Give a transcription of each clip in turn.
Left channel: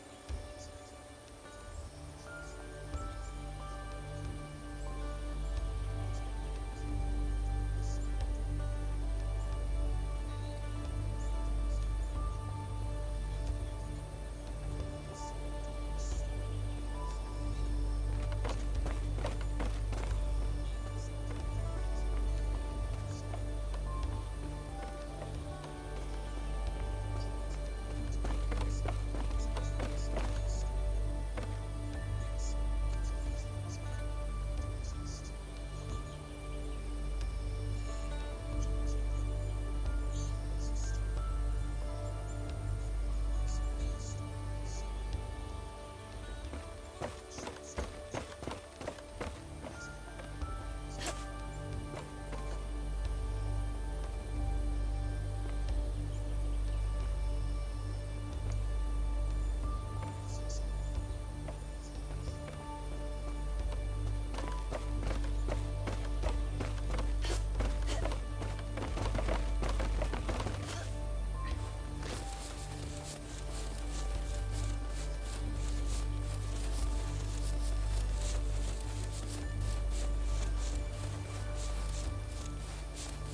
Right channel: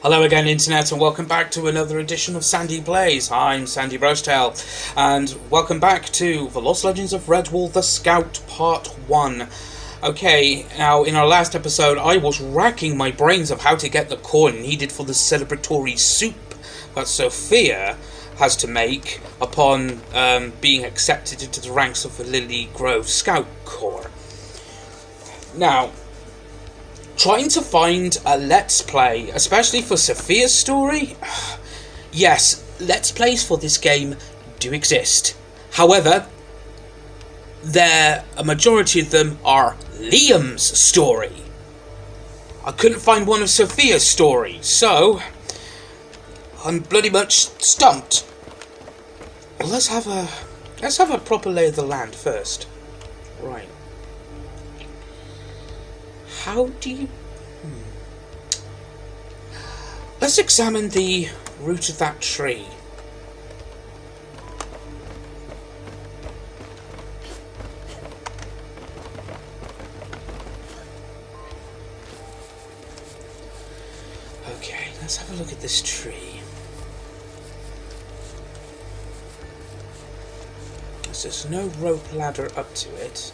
Hello again, Internet, and welcome back to another edition of Sandy Plays. I'm Sandy Rochetail, and welcome back to The Lost Legends of Redwall, The Scout, Part 1. Okay, now, in our last episode, I was racking my brains of how to get the corn needed for the celebratory soup that Sophia has to make upon being accepted into the ranks of the Lillygrove Scout Corps. Now, trying to find a Let's Play, especially for Sophia's story? Yes, Let's Plays for this game do exist. However, a majority of them are Liam's story. I couldn't find one of Sophia's story, so I'm bloody much stumped. Well, let's have a proper lay of the land first. Right. How do you... Let's examine the root of that tree. Okay, let's have a look at this tree. There's no rope ladder up to it.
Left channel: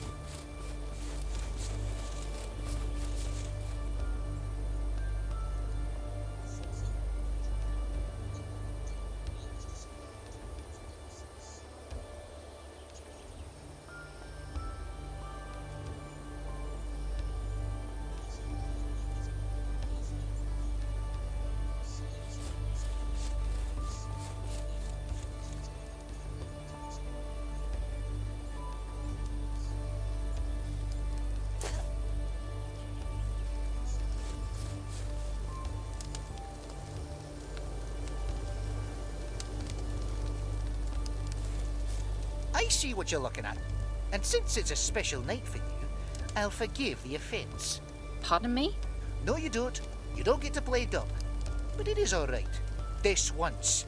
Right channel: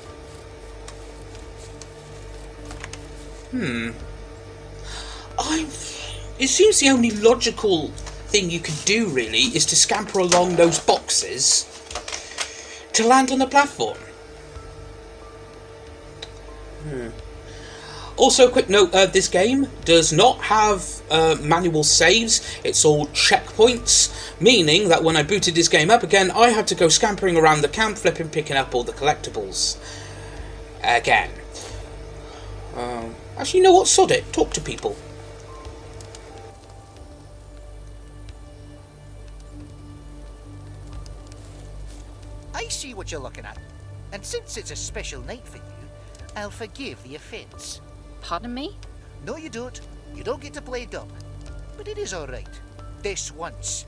It seems the only logical thing you could do, really, is to scamper along those boxes to land on the platform. Also, quick note, this game does not have manual saves. It's all checkpoints, meaning that when I booted this game up again, I had to go scampering around the camp, picking up all the collectibles again. Actually, you know what? Sod it. Talk to people. I see what you're looking at, and since it's a special night for you, I'll forgive the offence. Pardon me? No, you don't. You don't get to play dumb. But it is all right. This once.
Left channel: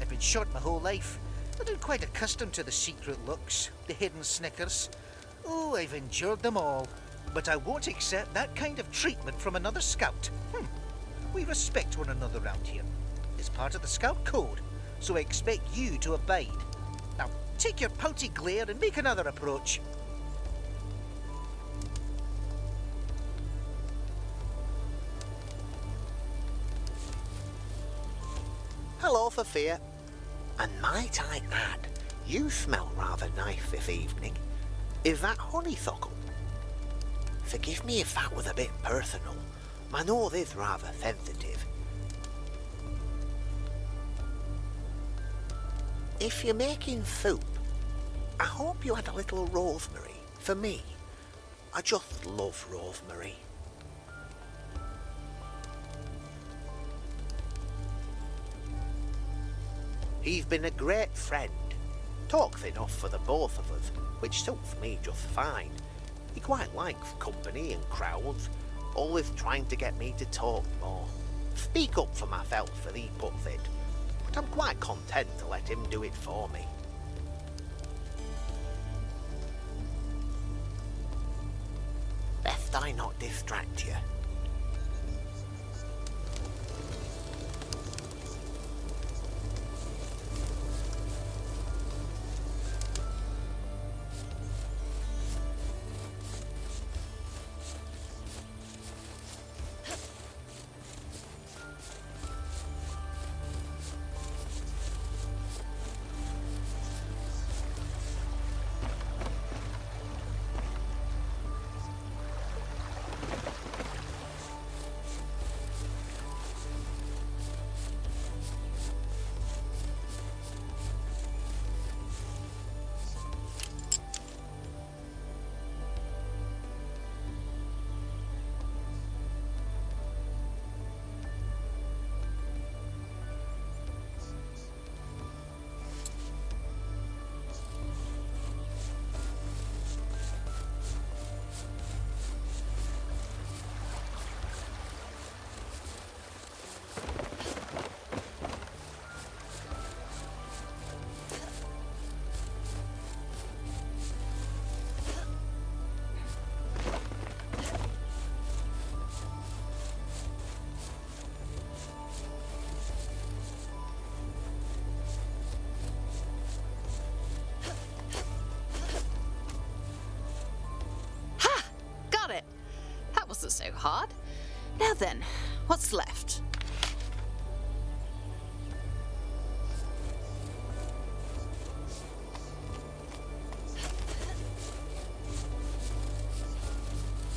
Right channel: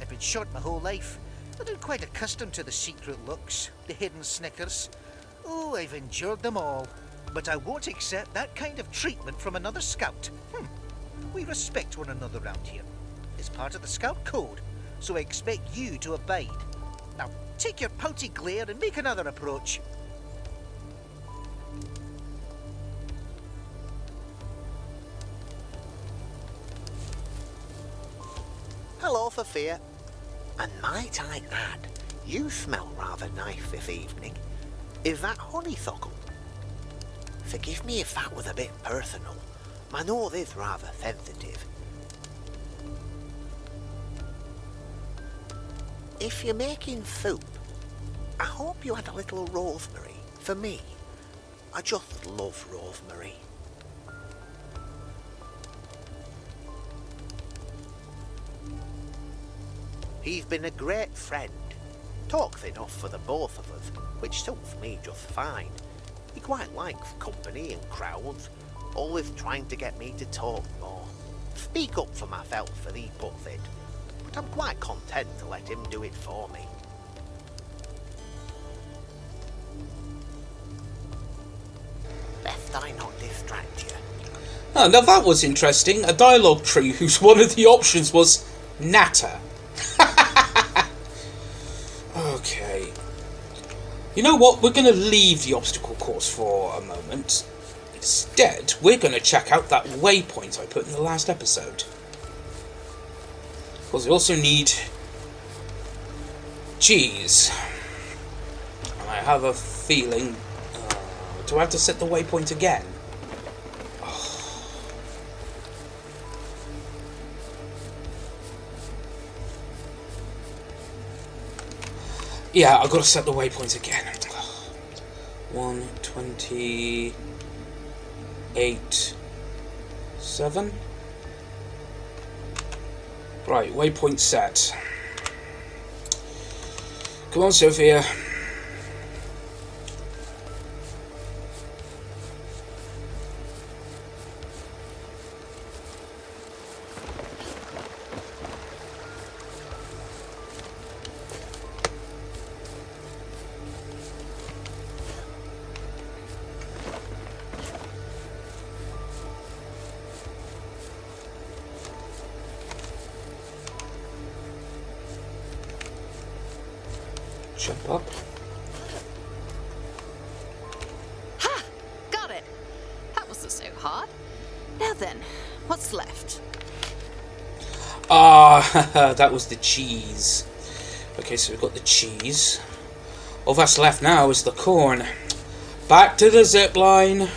I've been short my whole life, but I'm quite accustomed to the secret looks, the hidden snickers. Oh, I've endured them all. But I won't accept that kind of treatment from another scout. We respect one another round here. It's part of the scout code, so I expect you to abide. Now, take your pouty glare and make another approach. Hello, Sophia. And might I add, you smell rather nice this evening. Is that honeysuckle? Forgive me if that was a bit personal. My nose is rather sensitive. If you're making soup, I hope you add a little rosemary for me. I just love rosemary. He's been a great friend. Talks enough for the both of us, which suits me just fine. He quite likes company and crowds, always trying to get me to talk more. Speak up for myself, as he puts it, but I'm quite content to let him do it for me. Best I not distract you. Oh, now that was interesting. A dialogue tree whose one of the options was natter. Okay. You know what? We're going to leave the obstacle course for a moment. Instead, we're going to check out that waypoint I put in the last episode. Because we also need cheese. I have a feeling... do I have to set the waypoint again? Yeah, I've got to set the waypoint again. 128, 7. Right, waypoint set. Come on, Sophia. Jump up. Ha! Got it! That wasn't so hard. Now then, what's left? Ah, that was the cheese. Okay, so we've got the cheese. All that's left now is the corn. Back to the zip line.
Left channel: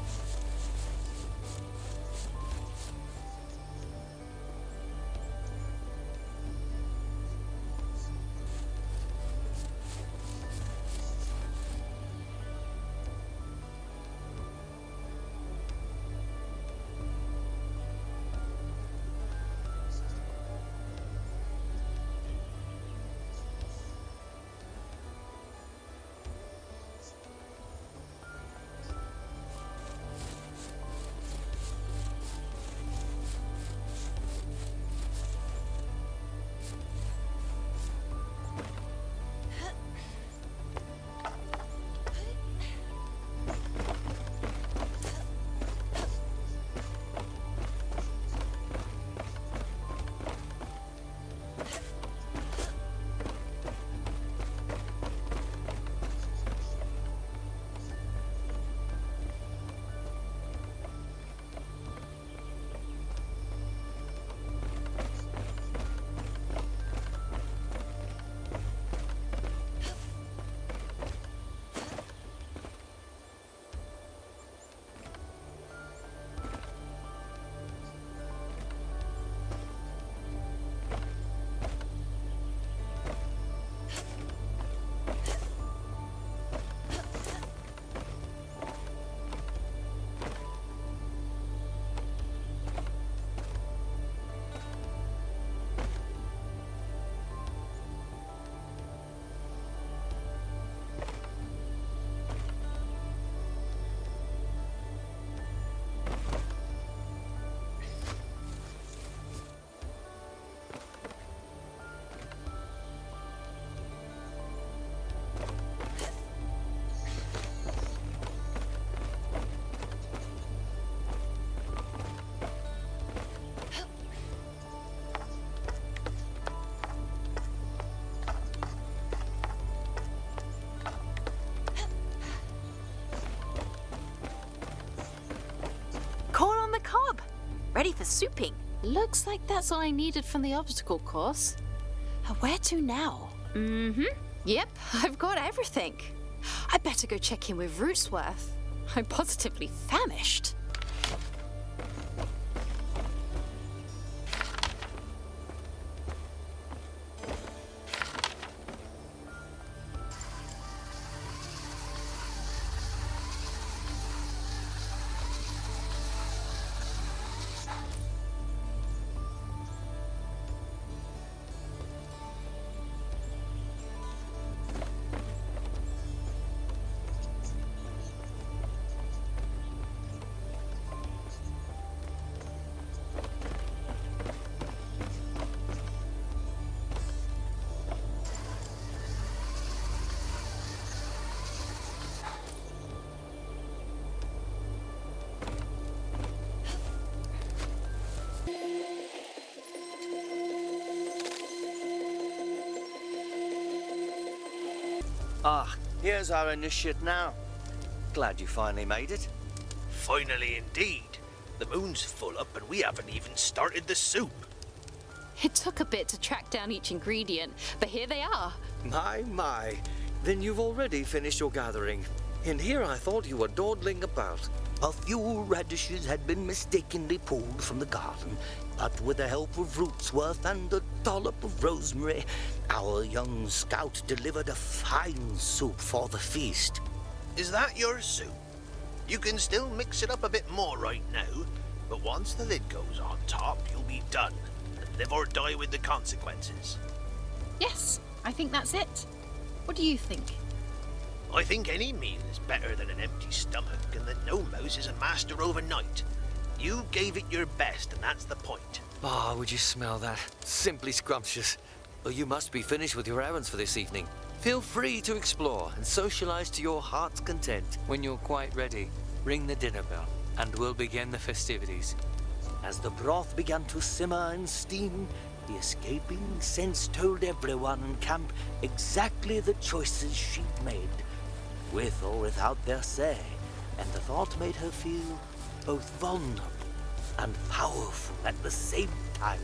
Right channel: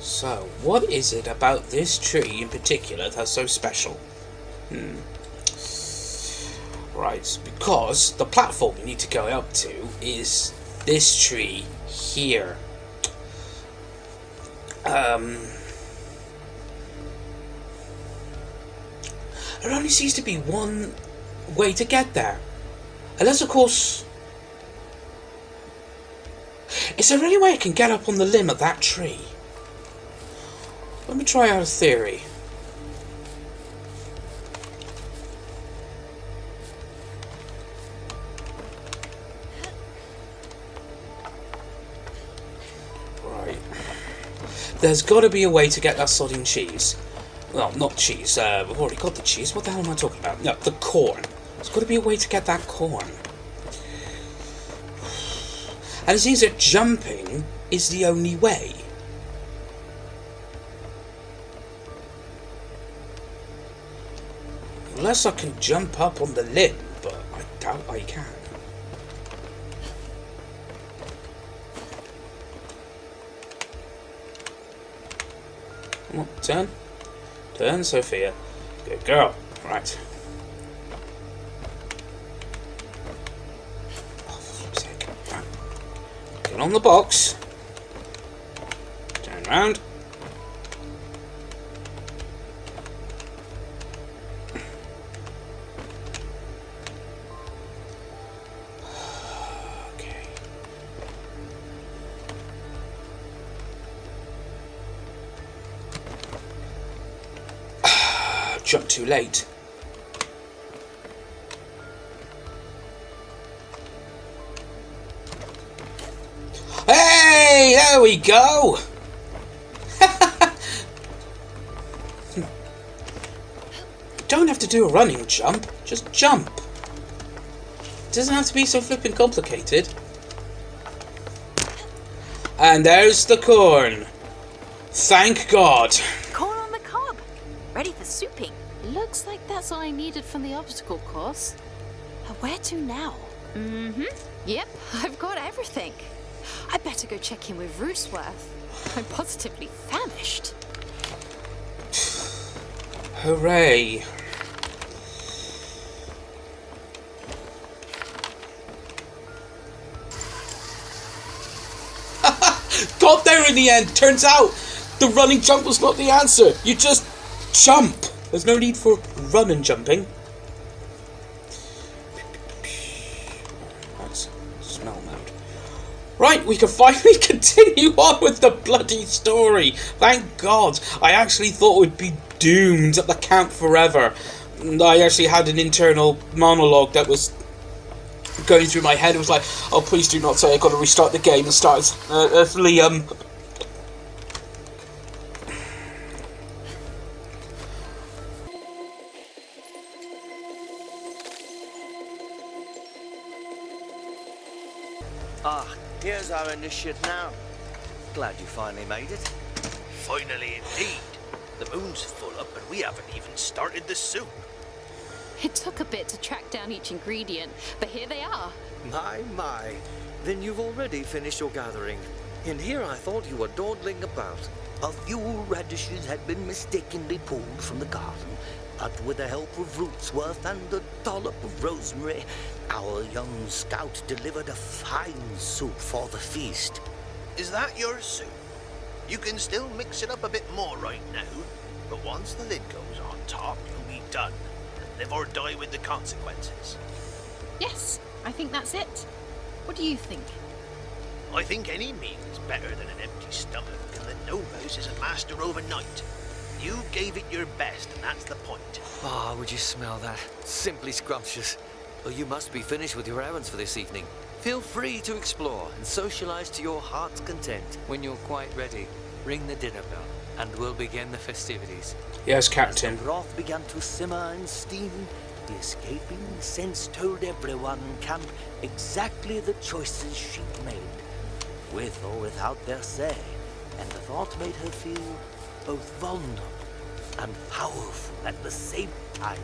So, what is it about this tree in particular that's so special? Right, because the platform we need to go up to is this tree here. There only seems to be one way to get there. Unless, of course... Is there any way I can get up on the limb of that tree? Let me try out a theory. Right. There's got to be a way to get that sodding cheese. Well, not cheese. We've already got the cheese. What the hell am I talking about? No, the corn. There's got to be a way to get that corn. And it seems that jumping is the only way. Unless I can jump up on the lid, but I doubt I can. Come on, turn. Turn, Sophia. Good girl. Right. Get on the box. Turn round. Jump too late. Hey, there we go. Don't have to do a running jump, just jump. It doesn't have to be so flippin' complicated. And there's the corn. Thank God. Corn on the cob! Ready for souping. Looks like that's all I needed from the obstacle course. Where to now? Yep, I've got everything. I better go check in with Rootsworth. I'm positively famished. Hooray. Got there in the end. Turns out the running jump was not the answer. You just jump. There's no need for run and jumping. Nice. Smell that. Right, we can finally continue on with the bloody story. Thank God. I actually thought we'd be doomed at the camp forever. And I actually had an internal monologue that was going through my head. It was like, oh, please do not say I've got to restart the game and start as Liam. Ah, here's our initiate now. Glad you finally made it. Finally indeed. The moon's full up and we haven't even started the soup. It took a bit to track down each ingredient, but here they are. My. Then you've already finished your gathering. And here I thought you were dawdling about. A few radishes had been mistakenly pulled from the garden, but with the help of Rootsworth and a dollop of rosemary, our young scout delivered a fine soup for the feast. Is that your soup? You can still mix it up a bit more right now, but once the lid goes on top, you'll be done. And live or die with the consequences. Yes, I think that's it. What do you think? I think any meal is better than an empty stomach, and that no mouse is a master overnight. You gave it your best, and that's the point. Ah, would you smell that? Simply scrumptious. Well, you must be finished with your errands for this evening. Feel free to explore and socialize to your heart's content. When you're quite ready, ring the dinner bell, and we'll begin the festivities. Yes, As the Captain. broth began to simmer and steam, The escaping sense told everyone in camp exactly the choices she'd made, with or without their say, and the thought made her feel both vulnerable and powerful at the same time.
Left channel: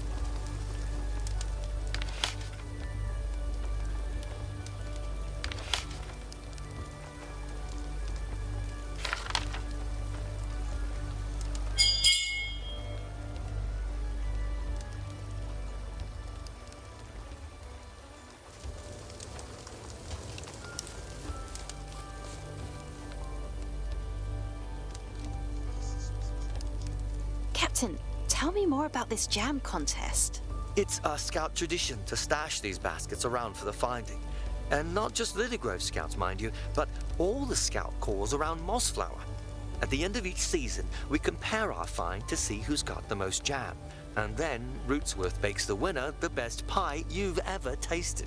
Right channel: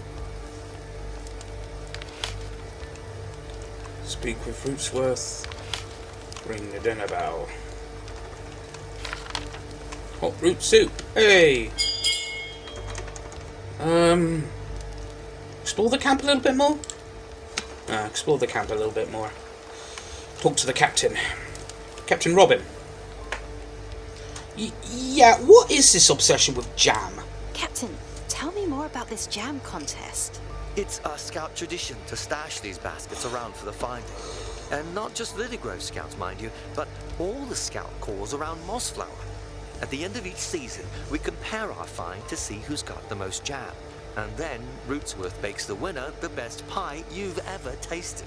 Speak with Rootsworth. Ring the dinner bell. Hot root soup. Hey! Explore the camp a little bit more? Explore the camp a little bit more. Talk to the captain. Captain Robin. Yeah, what is this obsession with jam? Captain, tell me more about this jam contest. It's our scout tradition to stash these baskets around for the finding. And not just Lillygrove scouts, mind you, but all the scout corps around Mossflower. At the end of each season, we compare our find to see who's got the most jam. And then Rootsworth bakes the winner the best pie you've ever tasted.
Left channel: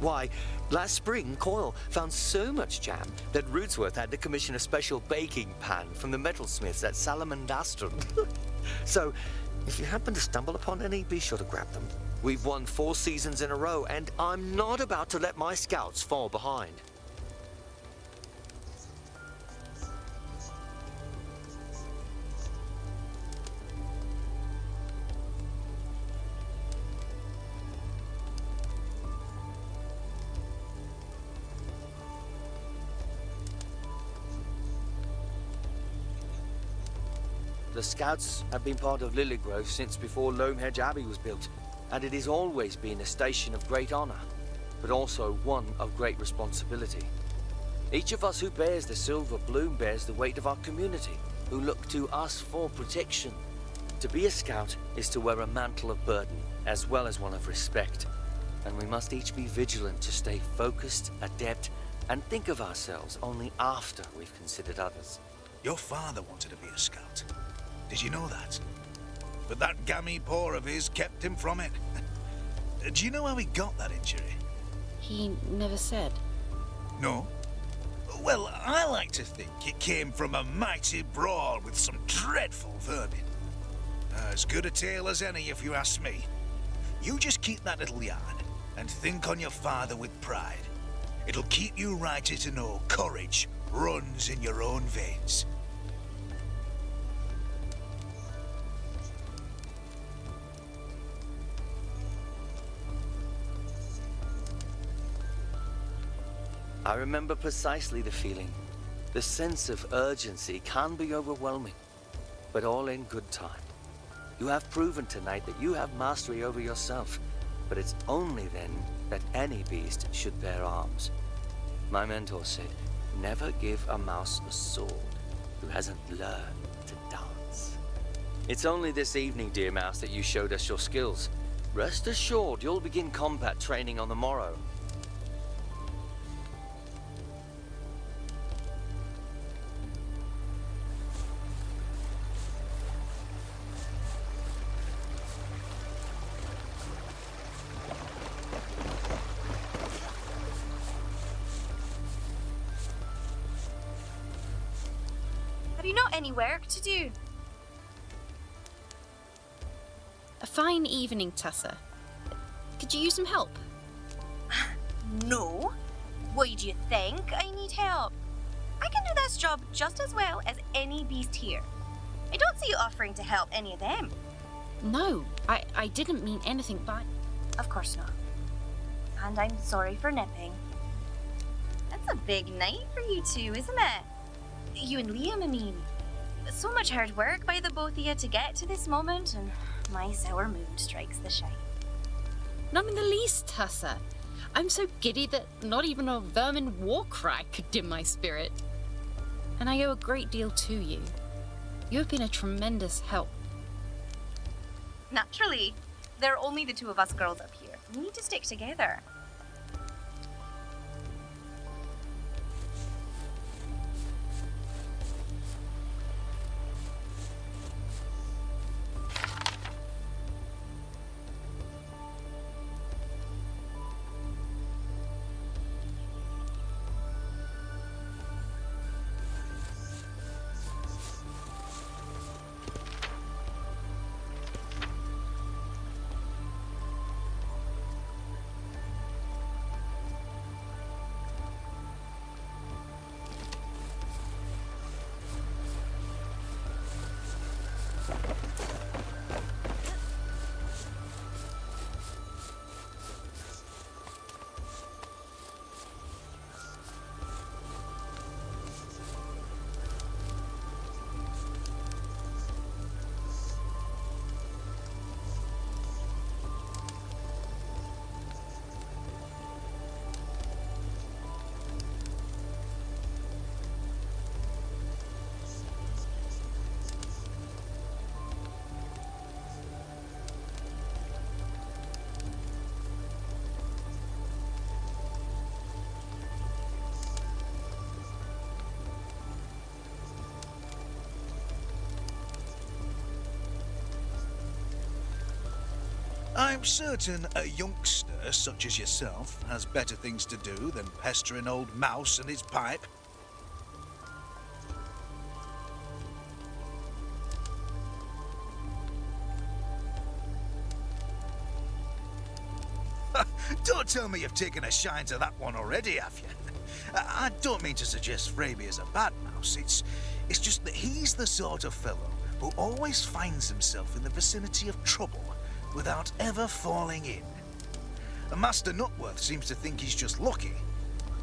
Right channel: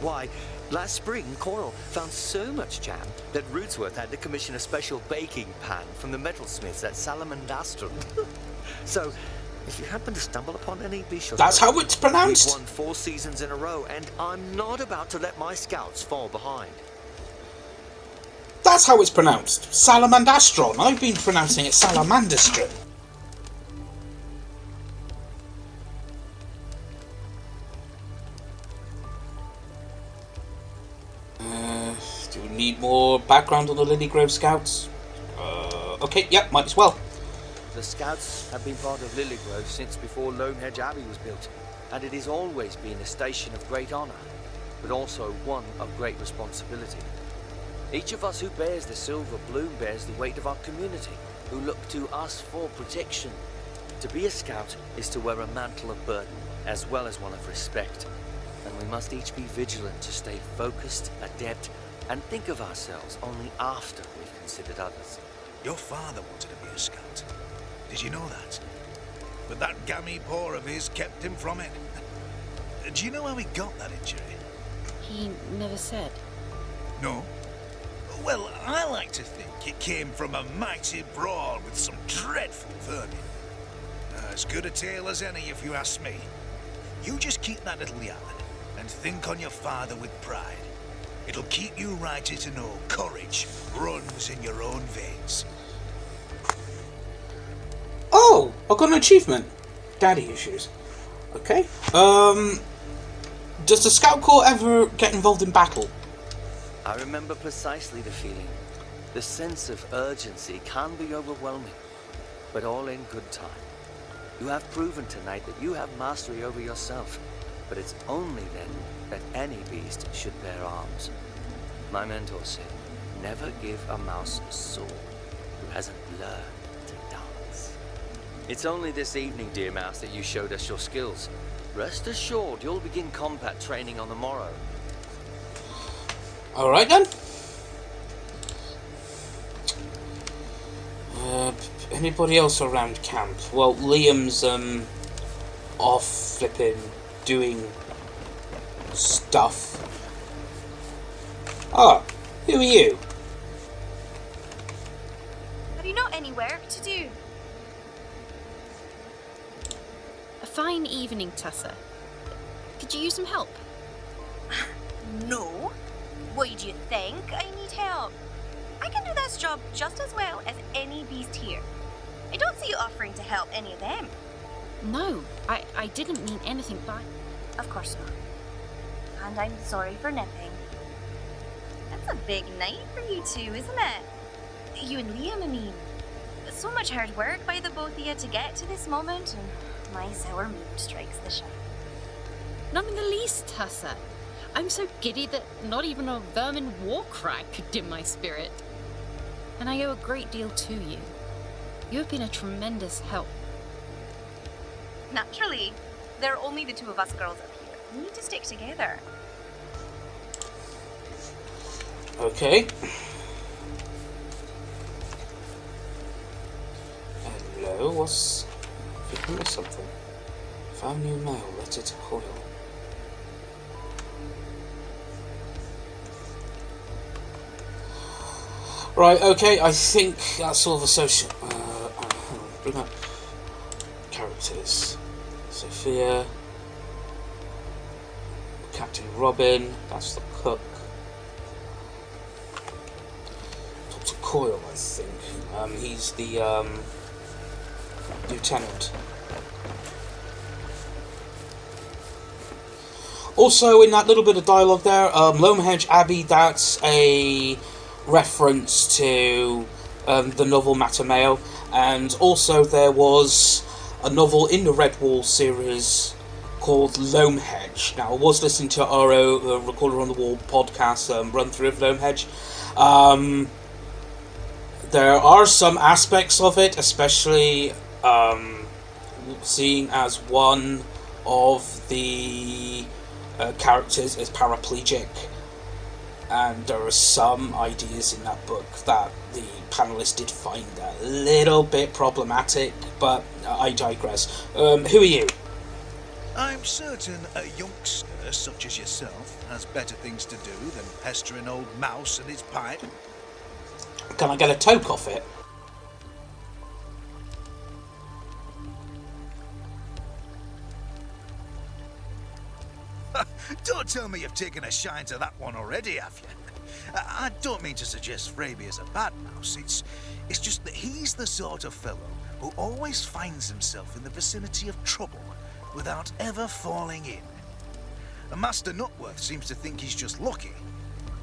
Why, last spring, Coyle found so much jam that Rootsworth had to commission a special baking pan from the metalsmiths at Salamandastron. So, if you happen to stumble upon any, be sure to That's how it's pronounced? We've won 4 seasons in a row, and I'm not about to let my scouts fall behind. That's how it's pronounced. Salamandastron. I've been pronouncing it Salamandastron. Do we need more background on the Lillygrove Scouts? Okay, yep, might as well. The Scouts have been part of Lillygrove since before Lomehedge Abbey was built, and it has always been a station of great honour, but also one of great responsibility. Each of us who bears the silver bloom bears the weight of our community, who look to us for protection. To be a scout is to wear a mantle of burden, as well as one of respect, and we must each be vigilant to stay focused, adept, and think of ourselves only after we've considered others. Your father wanted to be a scout. Did you know that? But that gammy paw of his kept him from it. Do you know how he got that injury? He never said. No? Well, I like to think it came from a mighty brawl with some dreadful vermin. As good a tale as any, if you ask me. You just keep that little yarn, and think on your father with pride. It'll keep you righted to know courage runs in your own veins. Oh, I got an achievement. Daddy issues. Okay. Does the Scout Corps ever get involved in battle? I remember precisely the feeling. The sense of urgency can be overwhelming, but all in good time. You have proven tonight that you have mastery over yourself, but it's only then that any beast should bear arms. My mentor said, never give a mouse a sword who hasn't learned to dance. It's only this evening, dear mouse, that you showed us your skills. Rest assured, you'll begin combat training on the morrow. Alright then. Anybody else around camp? Well, Liam's off flipping doing stuff. Oh, who are you? Have you not any work to do? A fine evening, Tessa. Could you use some help? No. Why do you think I need help? I can do this job just as well as any beast here. I don't see you offering to help any of them. No, I didn't mean anything by... Of course not. And I'm sorry for nipping. It's a big night for you two, isn't it? You and Liam, I mean. So much hard work by the both of you to get to this moment, and my sour mood strikes the shine. Not in the least, Tessa. I'm so giddy that not even a vermin war cry could dim my spirit. And I owe a great deal to you. You have been a tremendous help. Naturally. There are only the two of us girls up here. We need to stick together. Okay. Hello, what's... Give me something. Found new mail, letter to Hoyle. Right, okay, I think that's all the social... bring up characters. Sophia, Captain Robin, that's the cook. Dr. Coyle, I think. He's the lieutenant. Also, in that little bit of dialogue there, Lomehedge Abbey, that's a reference to the novel Matameo, and also there was a novel in the Redwall series called Lomehedge. Now, I was listening to RO, Recorder on the Wall podcast run through of Lomehedge. There are some aspects of it, especially seeing as one of the characters is paraplegic, and there are some ideas in that book that the panelists did find a little bit problematic, but I digress. Who are you? I'm certain a youngster such as yourself has better things to do than pester an old mouse and his pipe. Can I get a toke off it? Don't tell me you've taken a shine to that one already, have you? I don't mean to suggest Fraby is a bad mouse. It's just that he's the sort of fellow who always finds himself in the vicinity of trouble without ever falling in. Master Nutworth seems to think he's just lucky,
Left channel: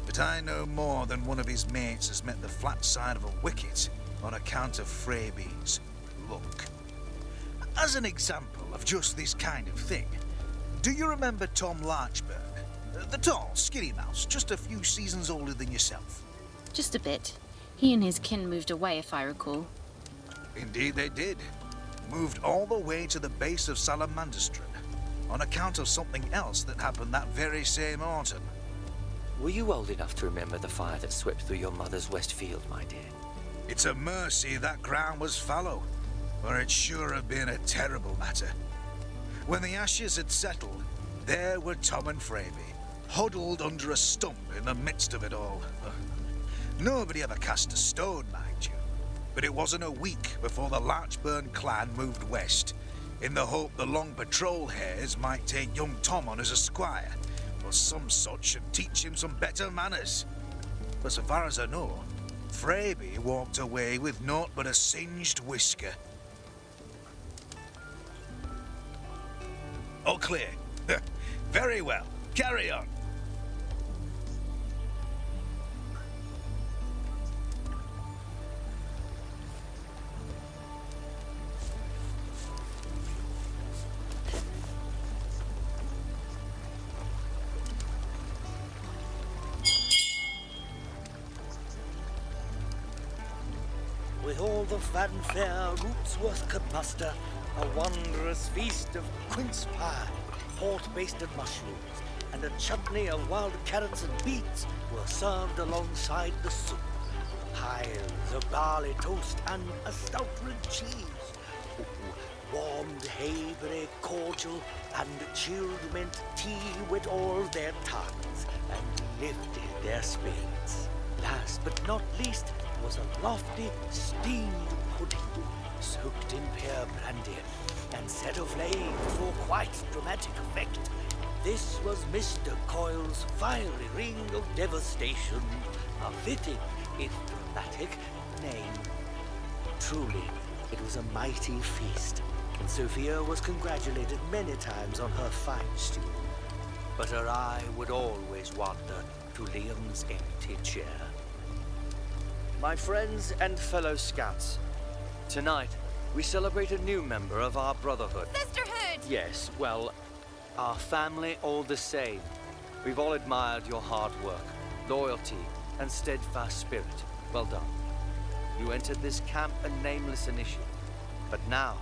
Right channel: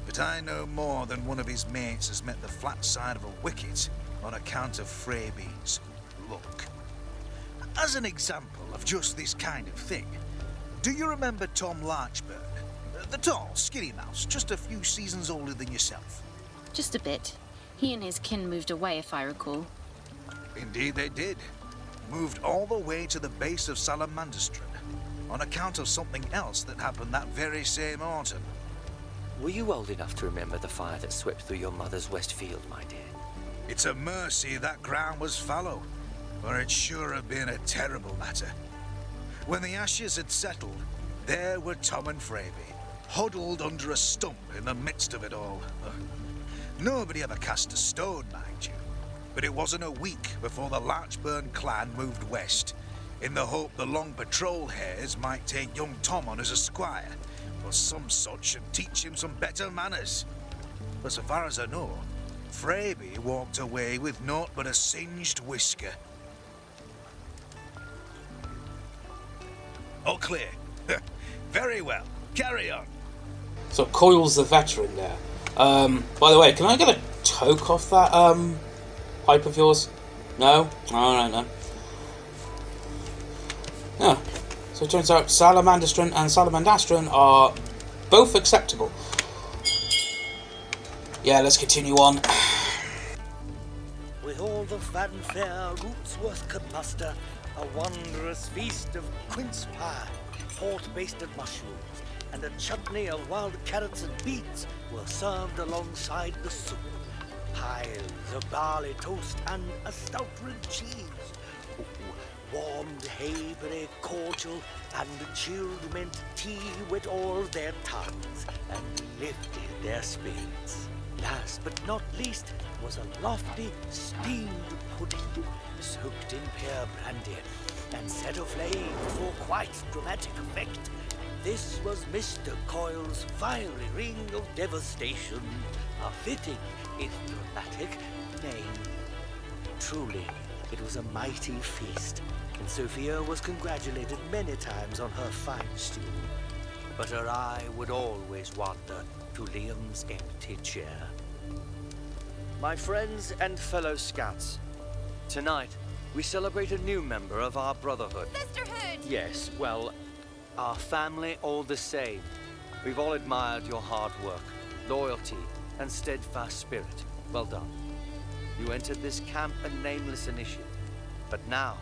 but I know more than one of his mates has met the flat side of a wicket on account of Fraby's luck. As an example of just this kind of thing, do you remember Tom Larchburn? The tall, skinny mouse, just a few seasons older than yourself. Just a bit. He and his kin moved away, if I recall. Indeed they did. Moved all the way to the base of Salamanderstron on account of something else that happened that very same autumn. Were you old enough to remember the fire that swept through your mother's west field, my dear? It's a mercy that ground was fallow, or it sure have been a terrible matter. When the ashes had settled, there were Tom and Fraby, huddled under a stump in the midst of it all. Nobody ever cast a stone, mind you, but it wasn't a week before the Larchburn clan moved west, in the hope the long patrol hares might take young Tom on as a squire, or some such, and teach him some better manners. But so far as I know, Fraby walked away with naught but a singed whisker. All clear. Very well. Carry on. So Coyle's the veteran there. By the way, can I get a toke off that pipe of yours? No? Alright then. Yeah. So it turns out Salamanderstron and Salamandastron are both acceptable. Yeah, let's continue on. With all the fanfare Rootsworth could muster, a wondrous feast of quince pie, port-basted mushrooms, and a chutney of wild carrots and beets were served alongside the soup. Piles of barley toast and a stout red cheese. Warmed hayberry cordial and chilled mint tea wet all their tongues and lifted their spirits. Last but not least was a lofty steamed pudding, soaked in pear brandy and set aflame for quite dramatic effect. This was Mr. Coyle's fiery ring of devastation, a fitting, if dramatic, name. Truly, it was a mighty feast, and Sophia was congratulated many times on her fine stew. But her eye would always wander to Liam's empty chair. My friends and fellow scouts, tonight we celebrate a new member of our brotherhood. Sisterhood! Yes, well, our family all the same. We've all admired your hard work, loyalty, and steadfast spirit. Well done. You entered this camp a nameless initiate, but now,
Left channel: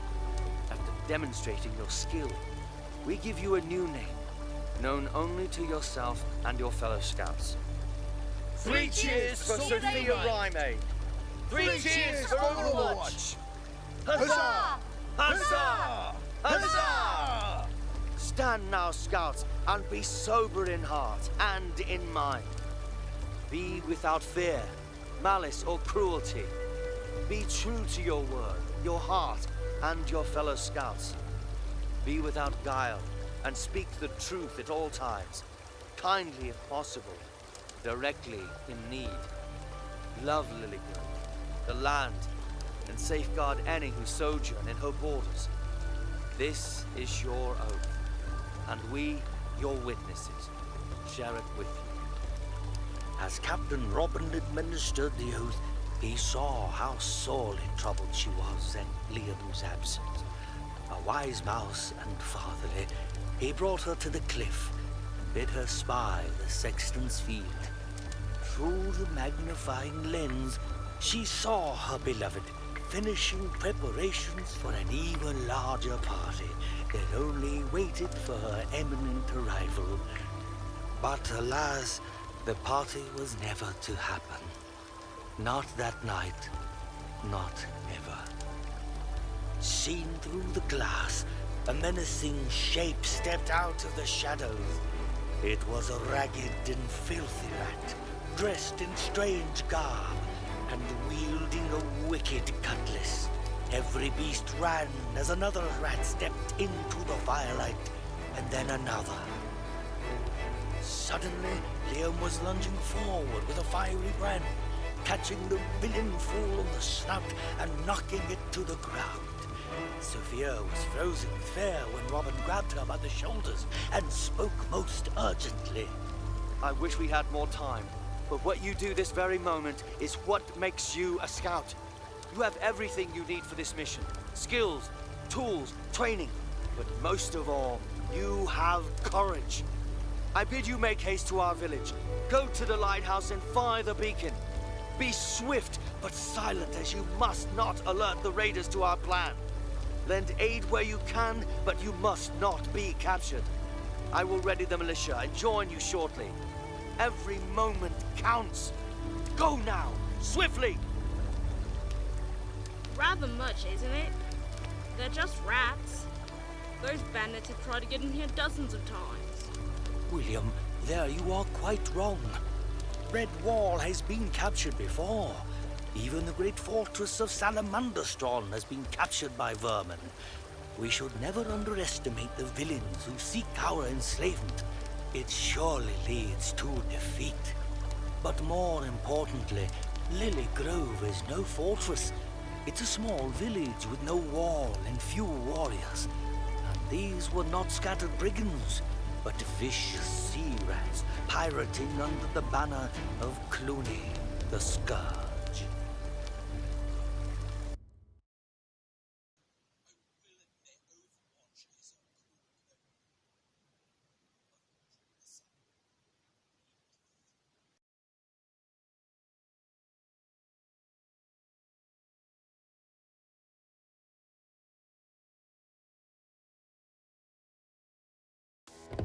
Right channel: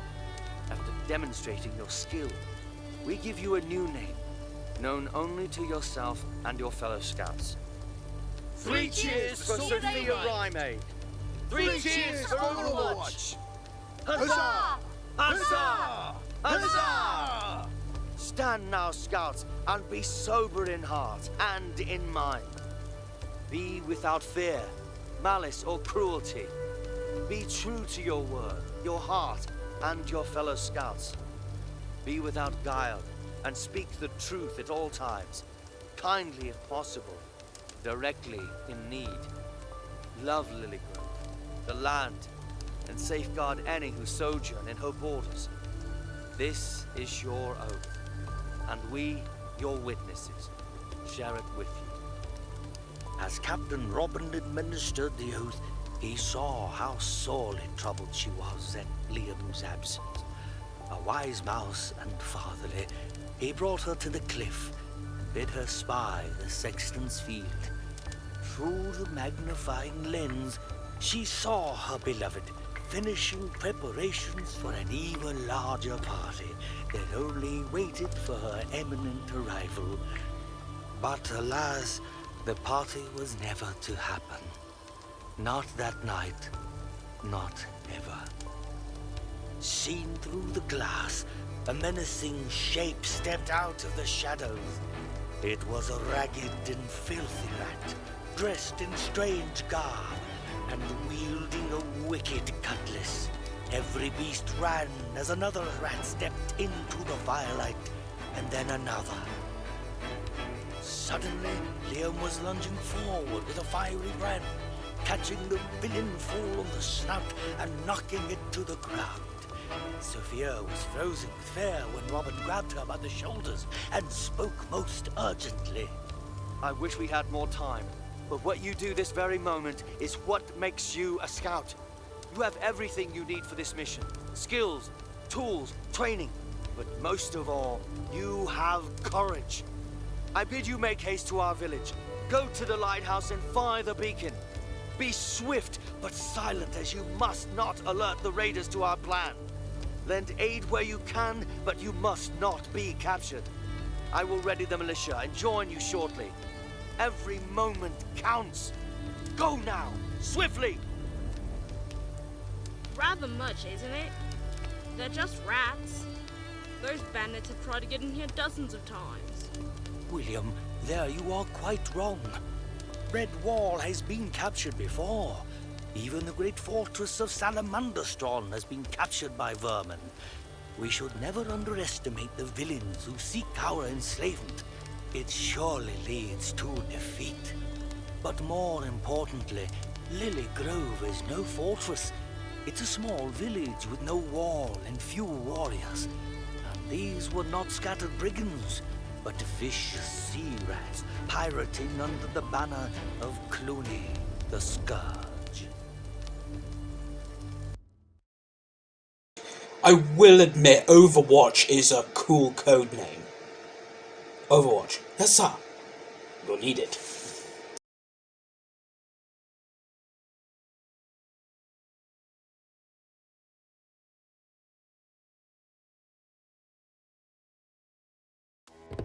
after demonstrating your skill, we give you a new name, known only to yourself and your fellow scouts. 3 cheers for Sophia Rhyme! 3 cheers for Overwatch! Huzzah! Huzzah! Huzzah! Stand now, scouts, and be sober in heart and in mind. Be without fear, malice, or cruelty. Be true to your word, your heart, and your fellow scouts. Be without guile, and speak the truth at all times, kindly if possible, directly in need. Love Lillygrove, the land, and safeguard any who sojourn in her borders. This is your oath, and we, your witnesses, share it with you. As Captain Robin administered the oath, he saw how sorely troubled she was at Liam's absence. A wise mouse and fatherly, he brought her to the cliff and bid her spy the sexton's field. Through the magnifying lens, she saw her beloved finishing preparations for an even larger party that only waited for her imminent arrival. But alas, the party was never to happen. Not that night, not ever. Seen through the glass, a menacing shape stepped out of the shadows. It was a ragged and filthy rat, dressed in strange garb, and wielding a wicked cutlass. Every beast ran as another rat stepped into the firelight, and then another. Suddenly, Liam was lunging forward with a fiery brand, catching the villain full on the snout and knocking it to the ground. Sophia was frozen with fear when Robin grabbed her by the shoulders and spoke most urgently. I wish we had more time, but what you do this very moment is what makes you a scout. You have everything you need for this mission. Skills, tools, training, but most of all, you have courage. I bid you make haste to our village. Go to the lighthouse and fire the beacon. Be swift but silent, as you must not alert the raiders to our plan. Lend aid where you can, but you must not be captured. I will ready the militia and join you shortly. Every moment counts. Go now, swiftly! Rather much, isn't it? They're just rats. Those bandits have tried to get in here dozens of times. William, there you are quite wrong. Redwall has been captured before. Even the great fortress of Salamanderstron has been captured by vermin. We should never underestimate the villains who seek our enslavement. It surely leads to defeat. But more importantly, Lillygrove is no fortress. It's a small village with no wall and few warriors. And these were not scattered brigands, but vicious sea rats pirating under the banner of Cluny, the Scourge. I will admit, Overwatch is a cool code name. Overwatch. Yes, sir. You'll need it.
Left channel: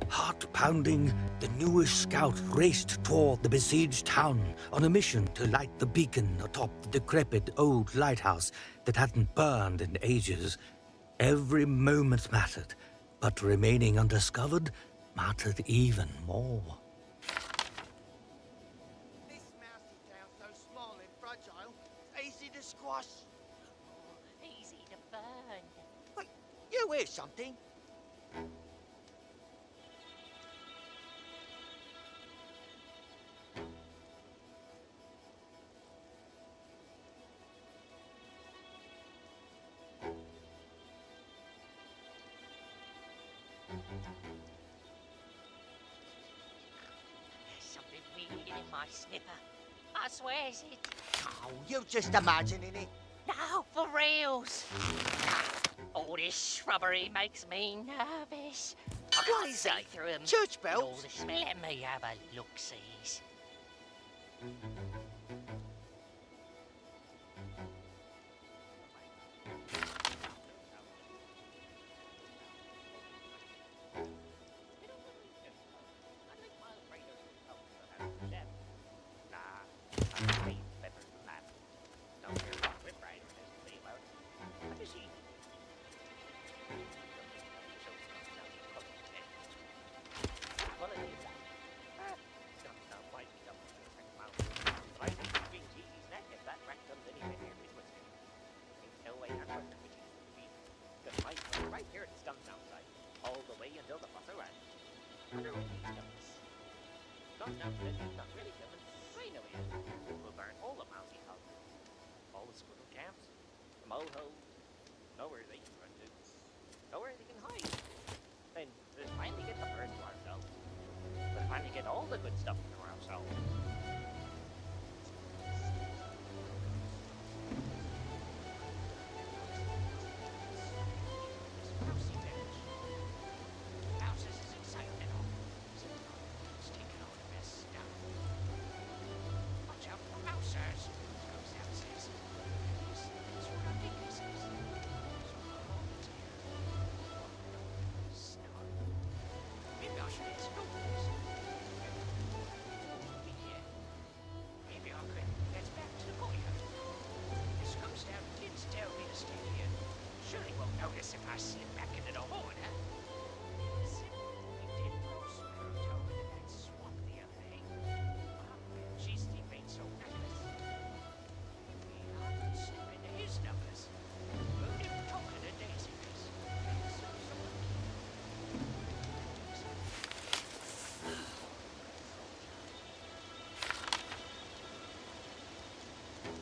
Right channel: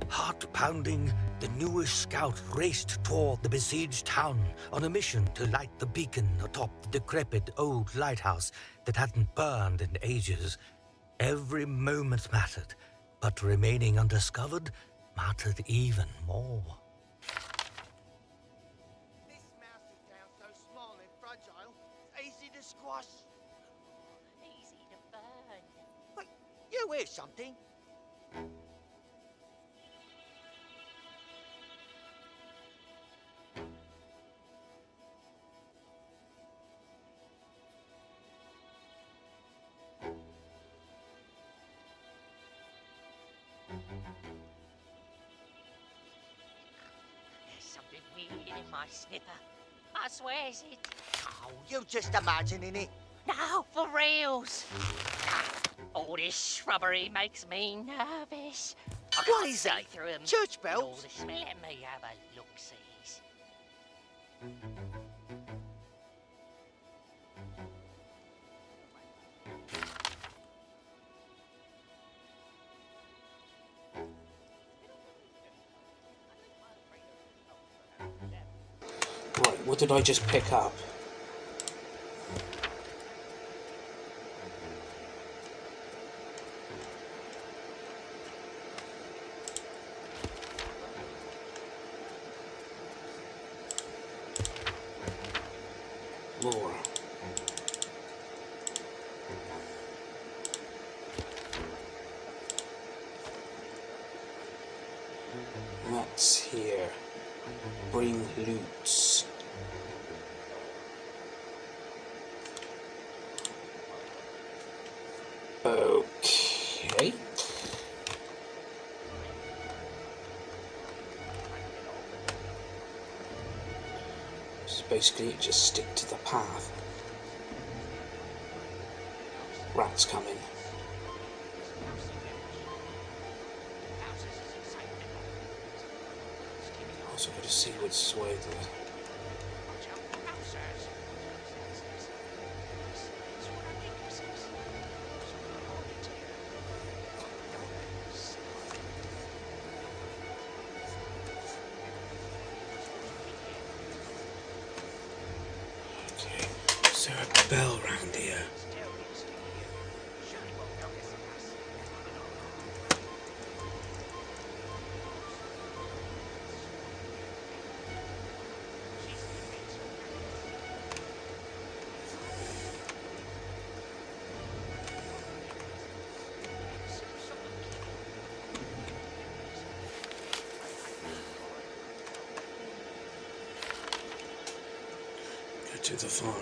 Heart-pounding, the newest scout raced toward the besieged town on a mission to light the beacon atop the decrepit old lighthouse that hadn't burned in ages. Every moment mattered, but remaining undiscovered mattered even more. This mousy town's so small and fragile, it's easy to squash. Easy to burn. Wait, you hear something? There's something weird in my snipper. I swears it. Oh, you're just imagining it. No, for reals. All this shrubbery makes me nervous. I What can't is see that? through 'em. Church And all bells? the smell. Let me have a look-sees. Right, what did I just pick up? Lore. What's here? basically just stick to the path. Rats coming. Also got to see what's way. Is there a bell round here? Go to the farm.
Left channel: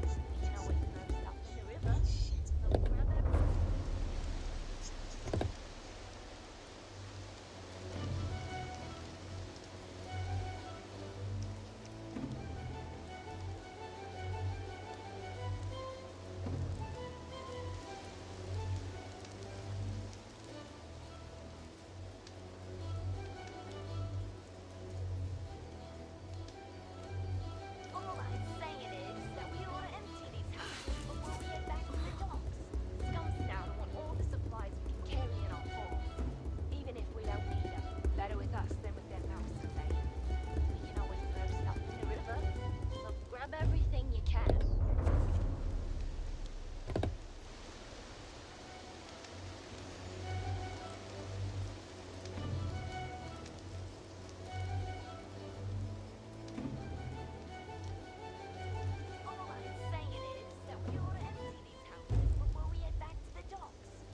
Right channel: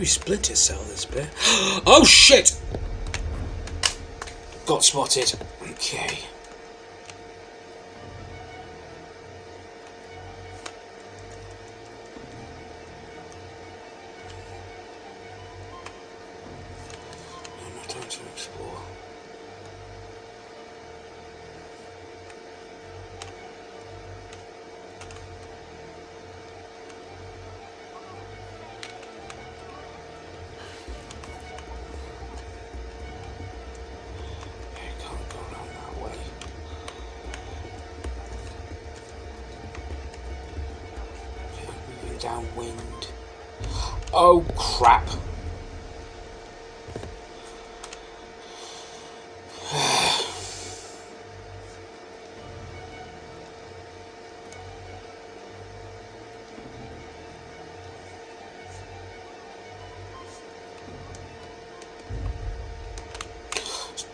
We split his cell, this bit. Oh shit! Got spotted. Okay. No time to explore. Downwind. Oh crap.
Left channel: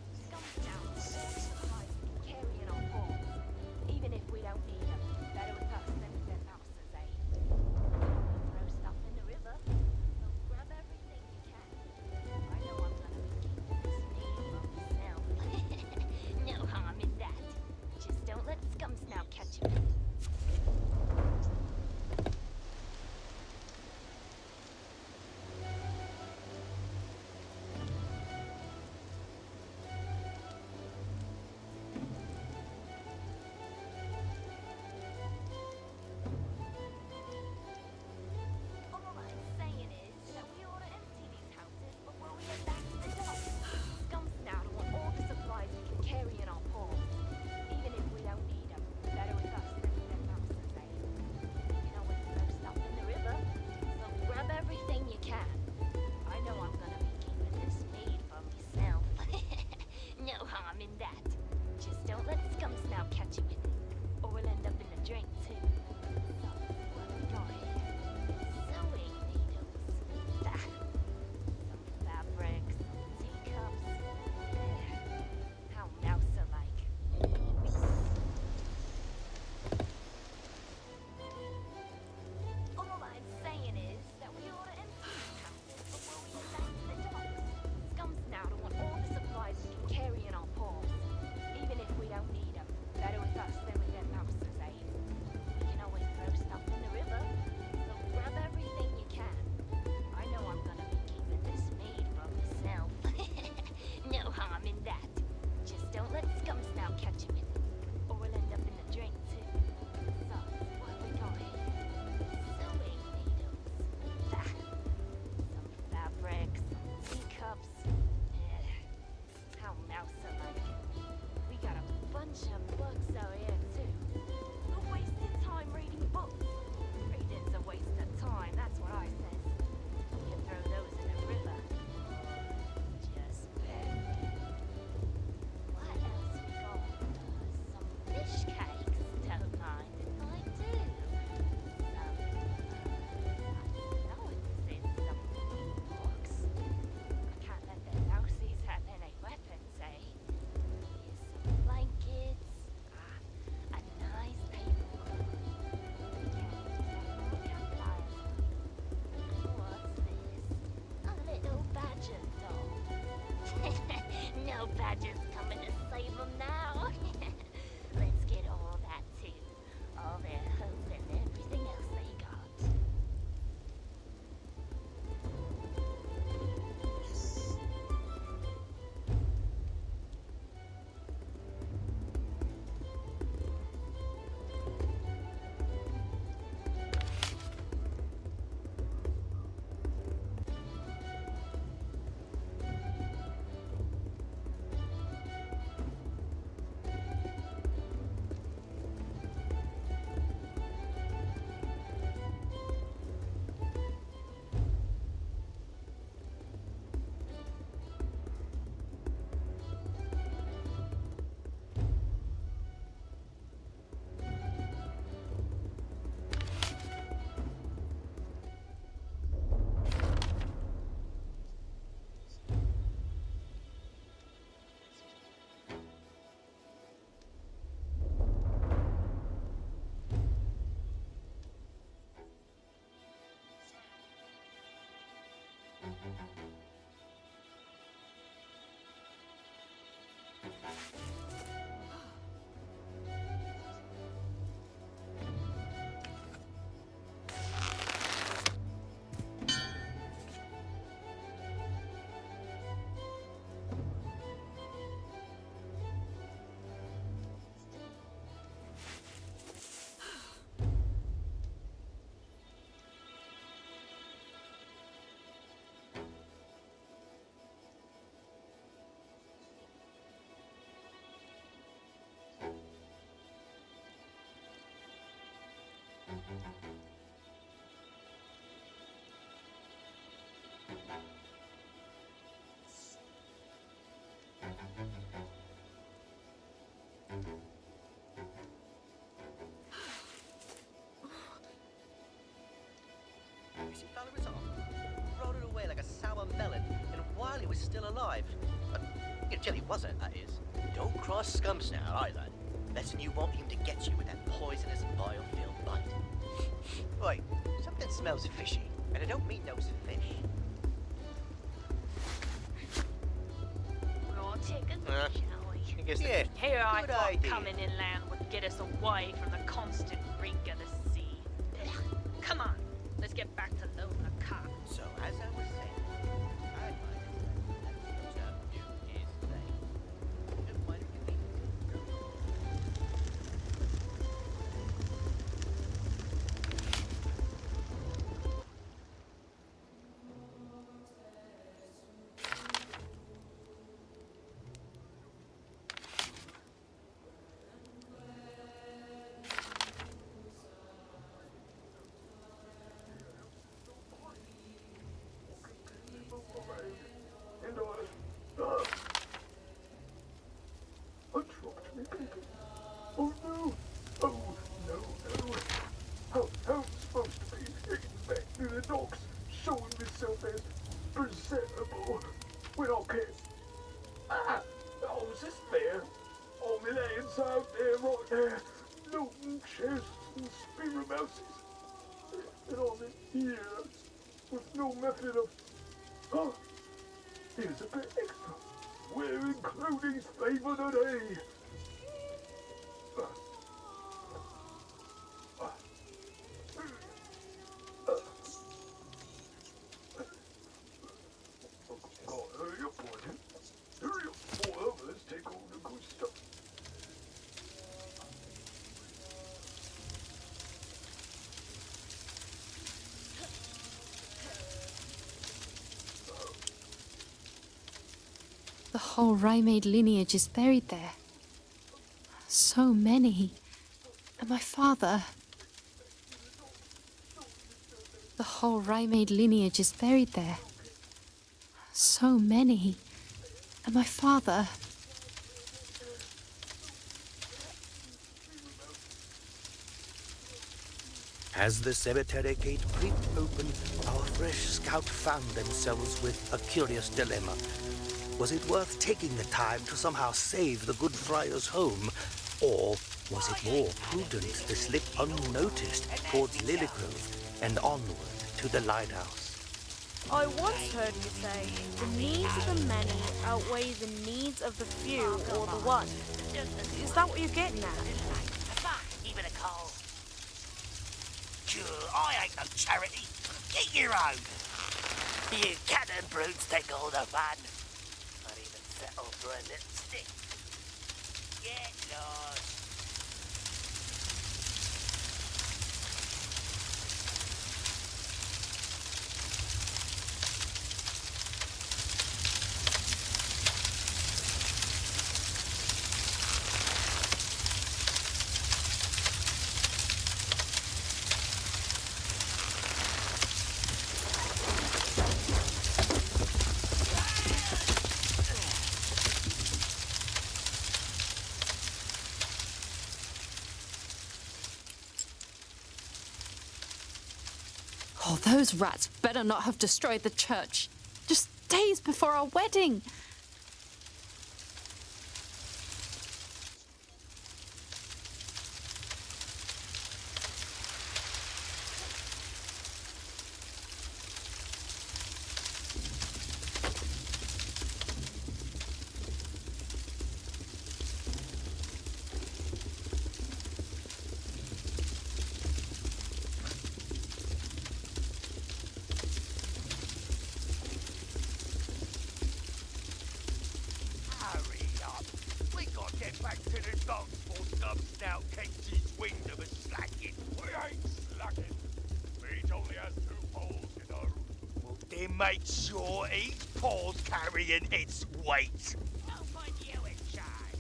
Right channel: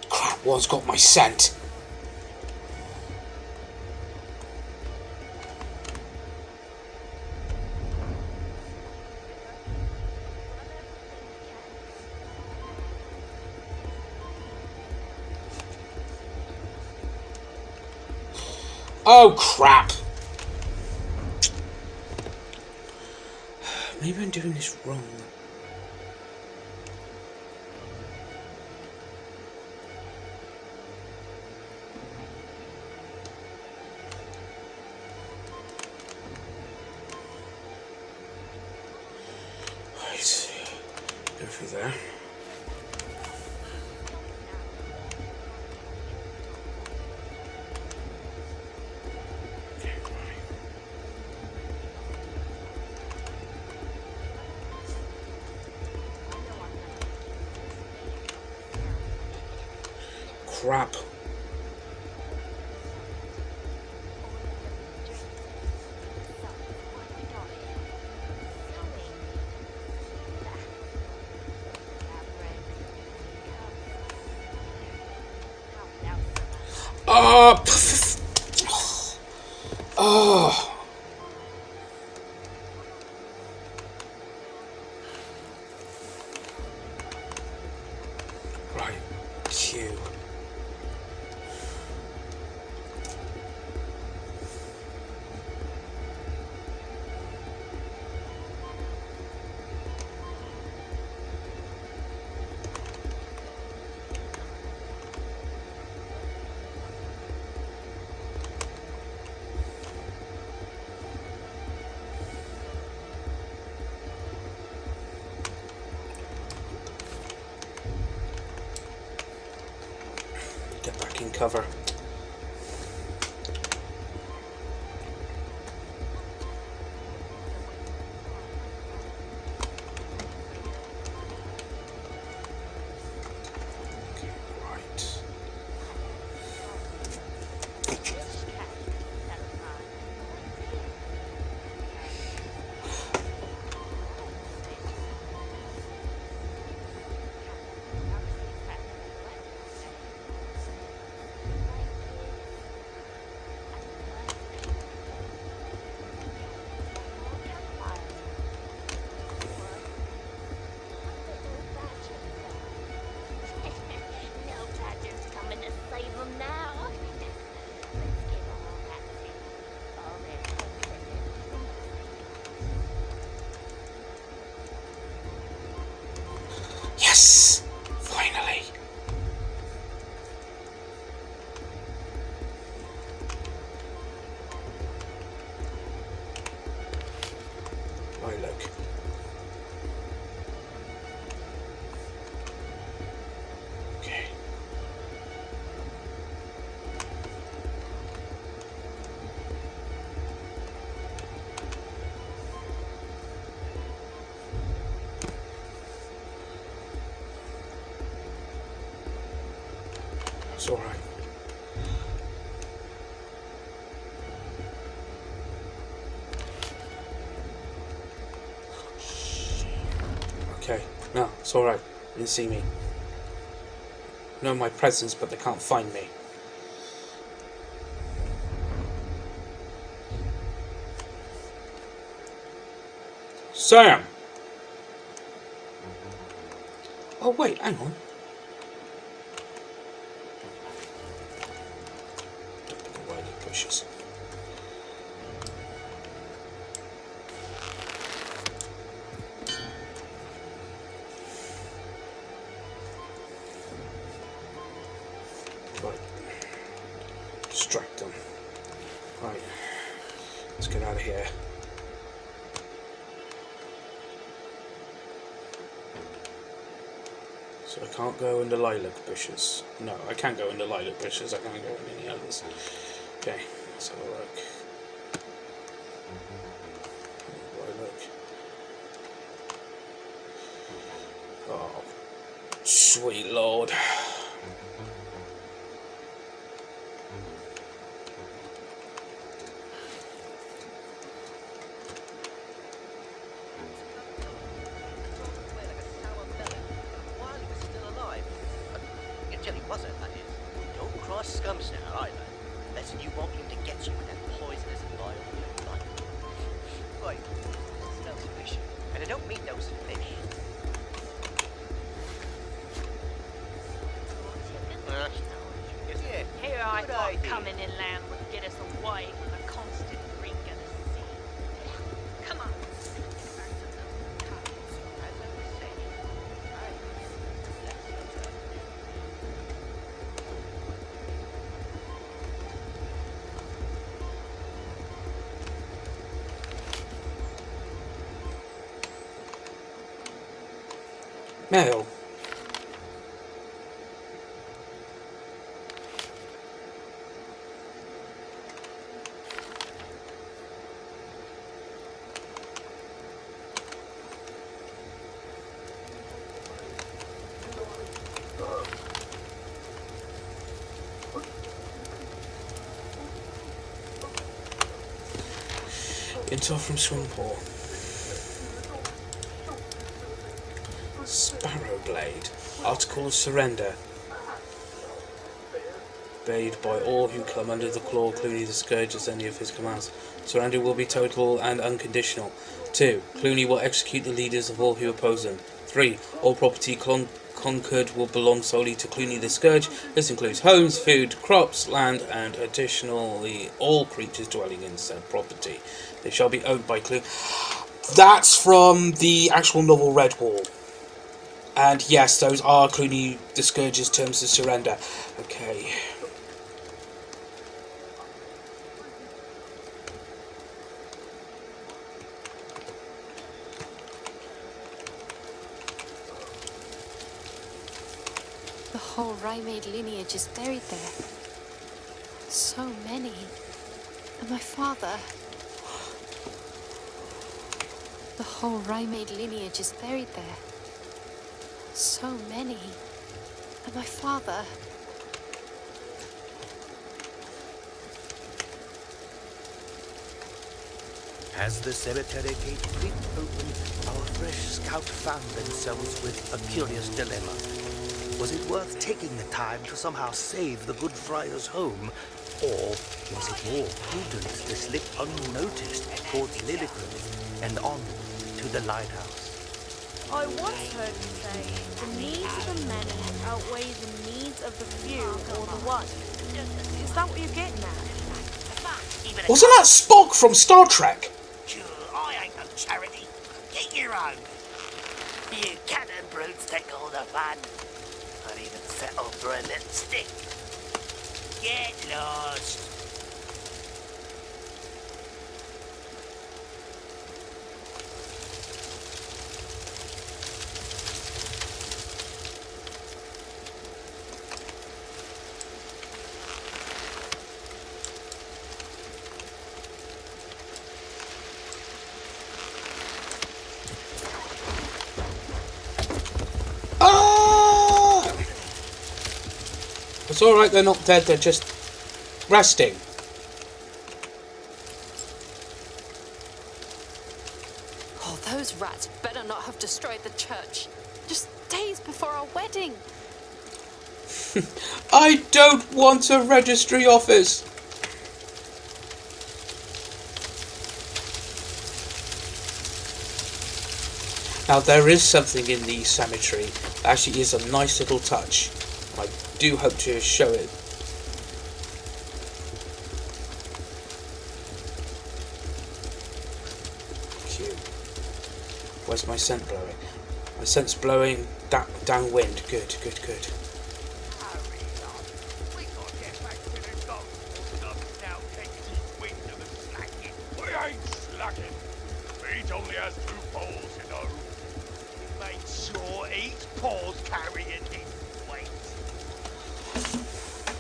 Crap, one's got my scent. Oh crap! Maybe I'm doing this wrong. Right, go for there. Crap. Oh. Oh. Right. Cute. Get back in cover. It's alright. Okay, no, it's alright. They didn't see me. Know my presence, but they can't find me. Sam! Oh wait, hang on. Bushes. Right. Distract them. Right. Let's get out of here. So I can't go in the lilac bushes. No, I can't go in the lilac bushes. I can't go in any others. Okay, let's have a look. Lilac. Oh, sweet Lord. Until he wasn't, that is. Don't cross scums now, either. Lesson you want him to get you with that poisonous bile you don't like. Right, something smells fishy, and I don't mean those fish. Raw chicken? Yeah, Here I good thought idea. coming inland would get us away from the constant reek of the sea. Ugh. Come on, let's get back to the car. So, as I was saying, let's go to New Mail. Intel from Swimpole. Sparrow Blade. Article of surrender. Obeyed by all who come under the claw, Cluny the Scourge as any of his commands. Surrender will be total and unconditional. 2. Cluny will execute the leaders of all who oppose him. 3. All property conquered will belong solely to Cluny the Scourge. This includes homes, food, crops, land, and additionally all creatures dwelling in said property. They shall be owned by Cluny. That's from the actual novel Redwall. And yes, those are Cluny the Scourge's terms of surrender. Okay. The whole Rampage lineage is buried there. So many. And my father. The whole Rampage lineage is buried there. So many. And my father. As the cemetery gate creaked open, our fresh scout found themselves with a curious dilemma. Was it worth taking the time to somehow save the good friar's home, or was it more prudent to slip unnoticed towards Lillygrove and onward to the lighthouse? I once heard you say, the needs of the many outweigh the needs of the few or the one. Is that what you're getting at? Wasn't that Spock from Star Trek? Sure, I ain't no charity. Get your own. You cannon brutes take all the fun. I'd even settle for a little stick. Get lost. It's alright, they're not dead, they're just resting. Oh, those rats better not have destroyed the church. Just days before our wedding. I don't want a registry office. Now, there is something in the cemetery that actually is a nice little touch. I do hope to show it. Cute. Where's my scent blowing? My scent's blowing downwind. Good, good, good. Hurry up. We gotta get back to the dock before some snout takes his wind of a slacking. We ain't slacking. Each only has 2 poles, you know. He makes sure each pole's carrying its weight.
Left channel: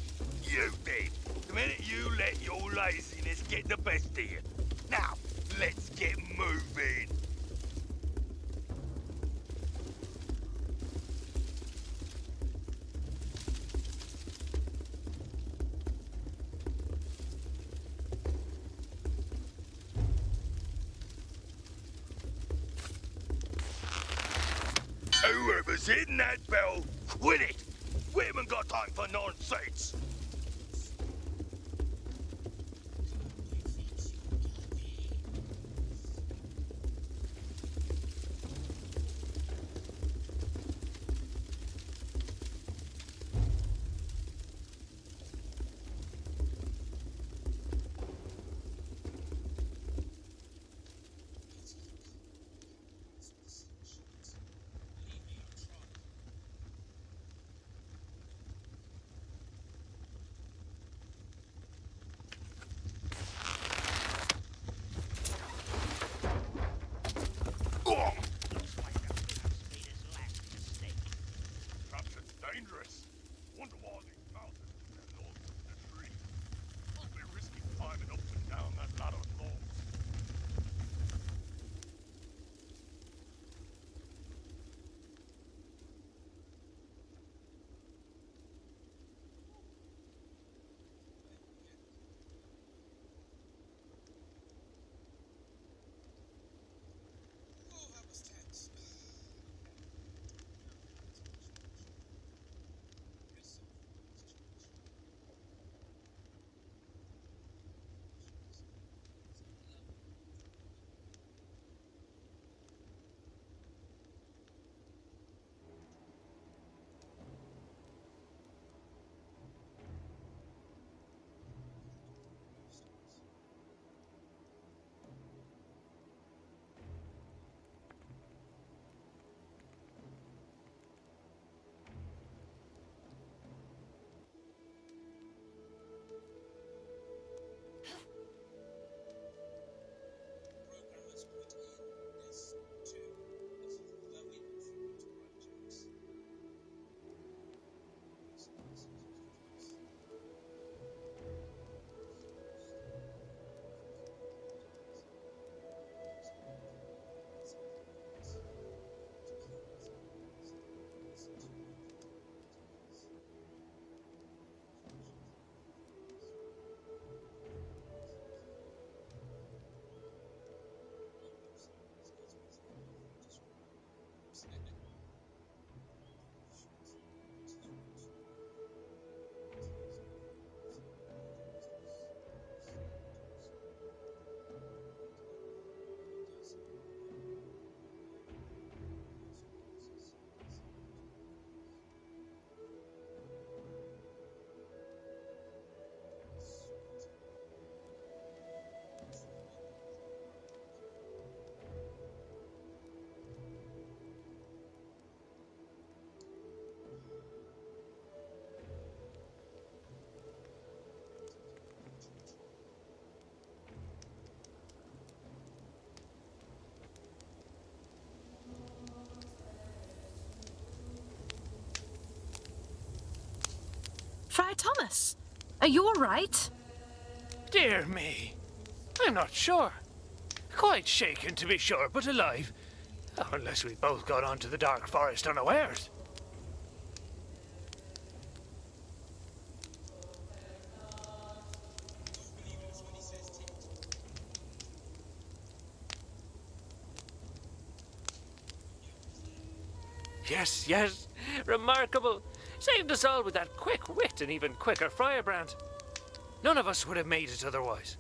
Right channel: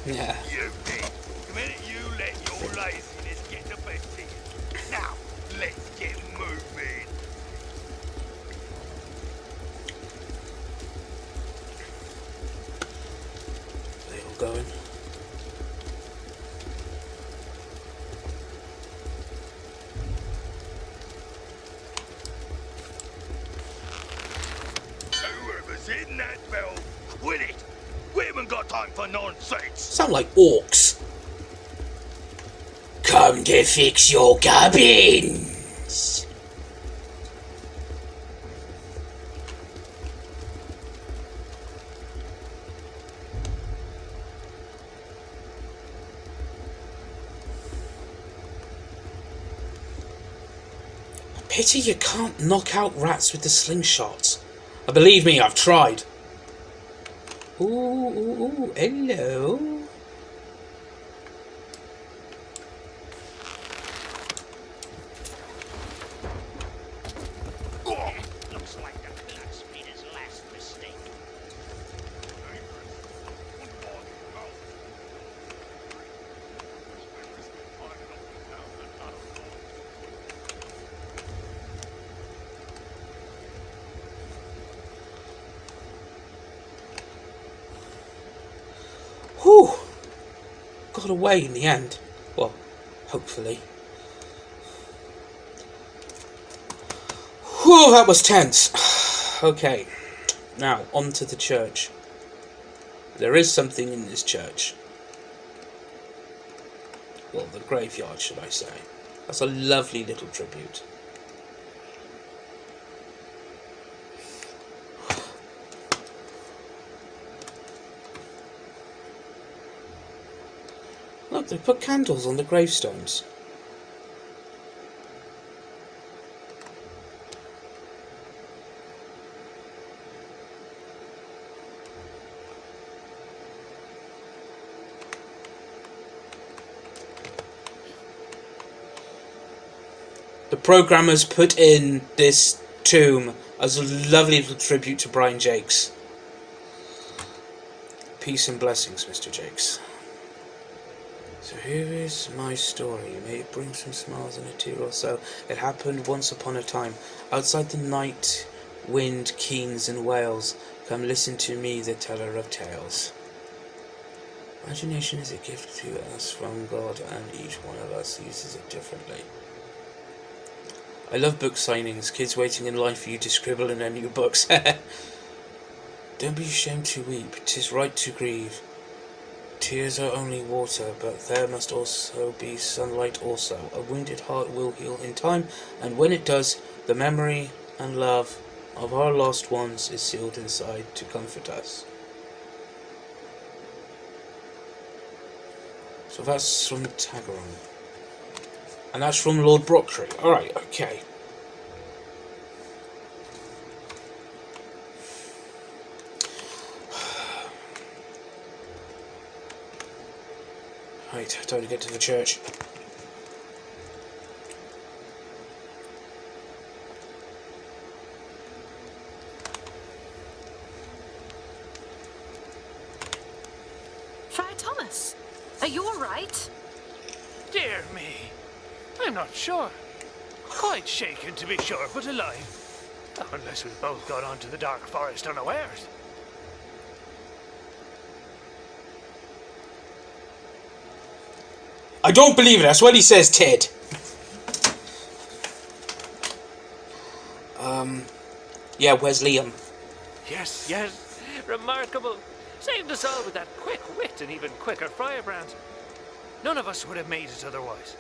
Yeah. You did. The minute you let your laziness get the best of you. Now, let's get moving. They all going. Whoever's hitting that bell, quit it. We haven't got time for nonsense. Sound like orcs. Come to fix your cabins. Pity you can't knock out rats with the slingshots. Believe me, I've tried. Ooh, ooh, ooh, hello. Looks like the blacksmith's last mistake. Something dangerous. Wonder why the mouse is free. We're risking climbing up and down that ladder of doors. Whew. Got away in the end. Well, hopefully. Whew, that was tense. Okay, now on to the church. There is something in this church. Well, the graveyard, should I say. That's a lovely little tribute. Look, they put candles on the gravestones. The programmers put in this tomb as a lovely little tribute to Brian Jakes. Peace and blessings, Mr. Jakes. So here is my story. May it bring some smiles and a tear or so. It happened once upon a time. Outside the night wind keens in Wales. Come listen to me, the teller of tales. Imagination is a gift to us from God, and each one of us uses it differently. I love book signings, kids waiting in line for you to scribble in their new books. Don't be ashamed to weep, 'tis right to grieve. Tears are only water, but there must also be sunlight also. A wounded heart will heal in time, and when it does, the memory and love of our lost ones is sealed inside to comfort us. So that's from Tagaron. And that's from Lord Brocktree. Alright, okay. Right, time to get to the church. Friar Thomas, are you all right? Dear me. I'm not sure. Quite shaken to be sure, but alive. Unless we both got onto the dark forest unawares. I don't believe it. That's what he says, Ted. Yeah, where's Liam? Yes, yes. Remarkable. Saved us all with that quick wit and even quicker firebrand. None of us would have made it otherwise.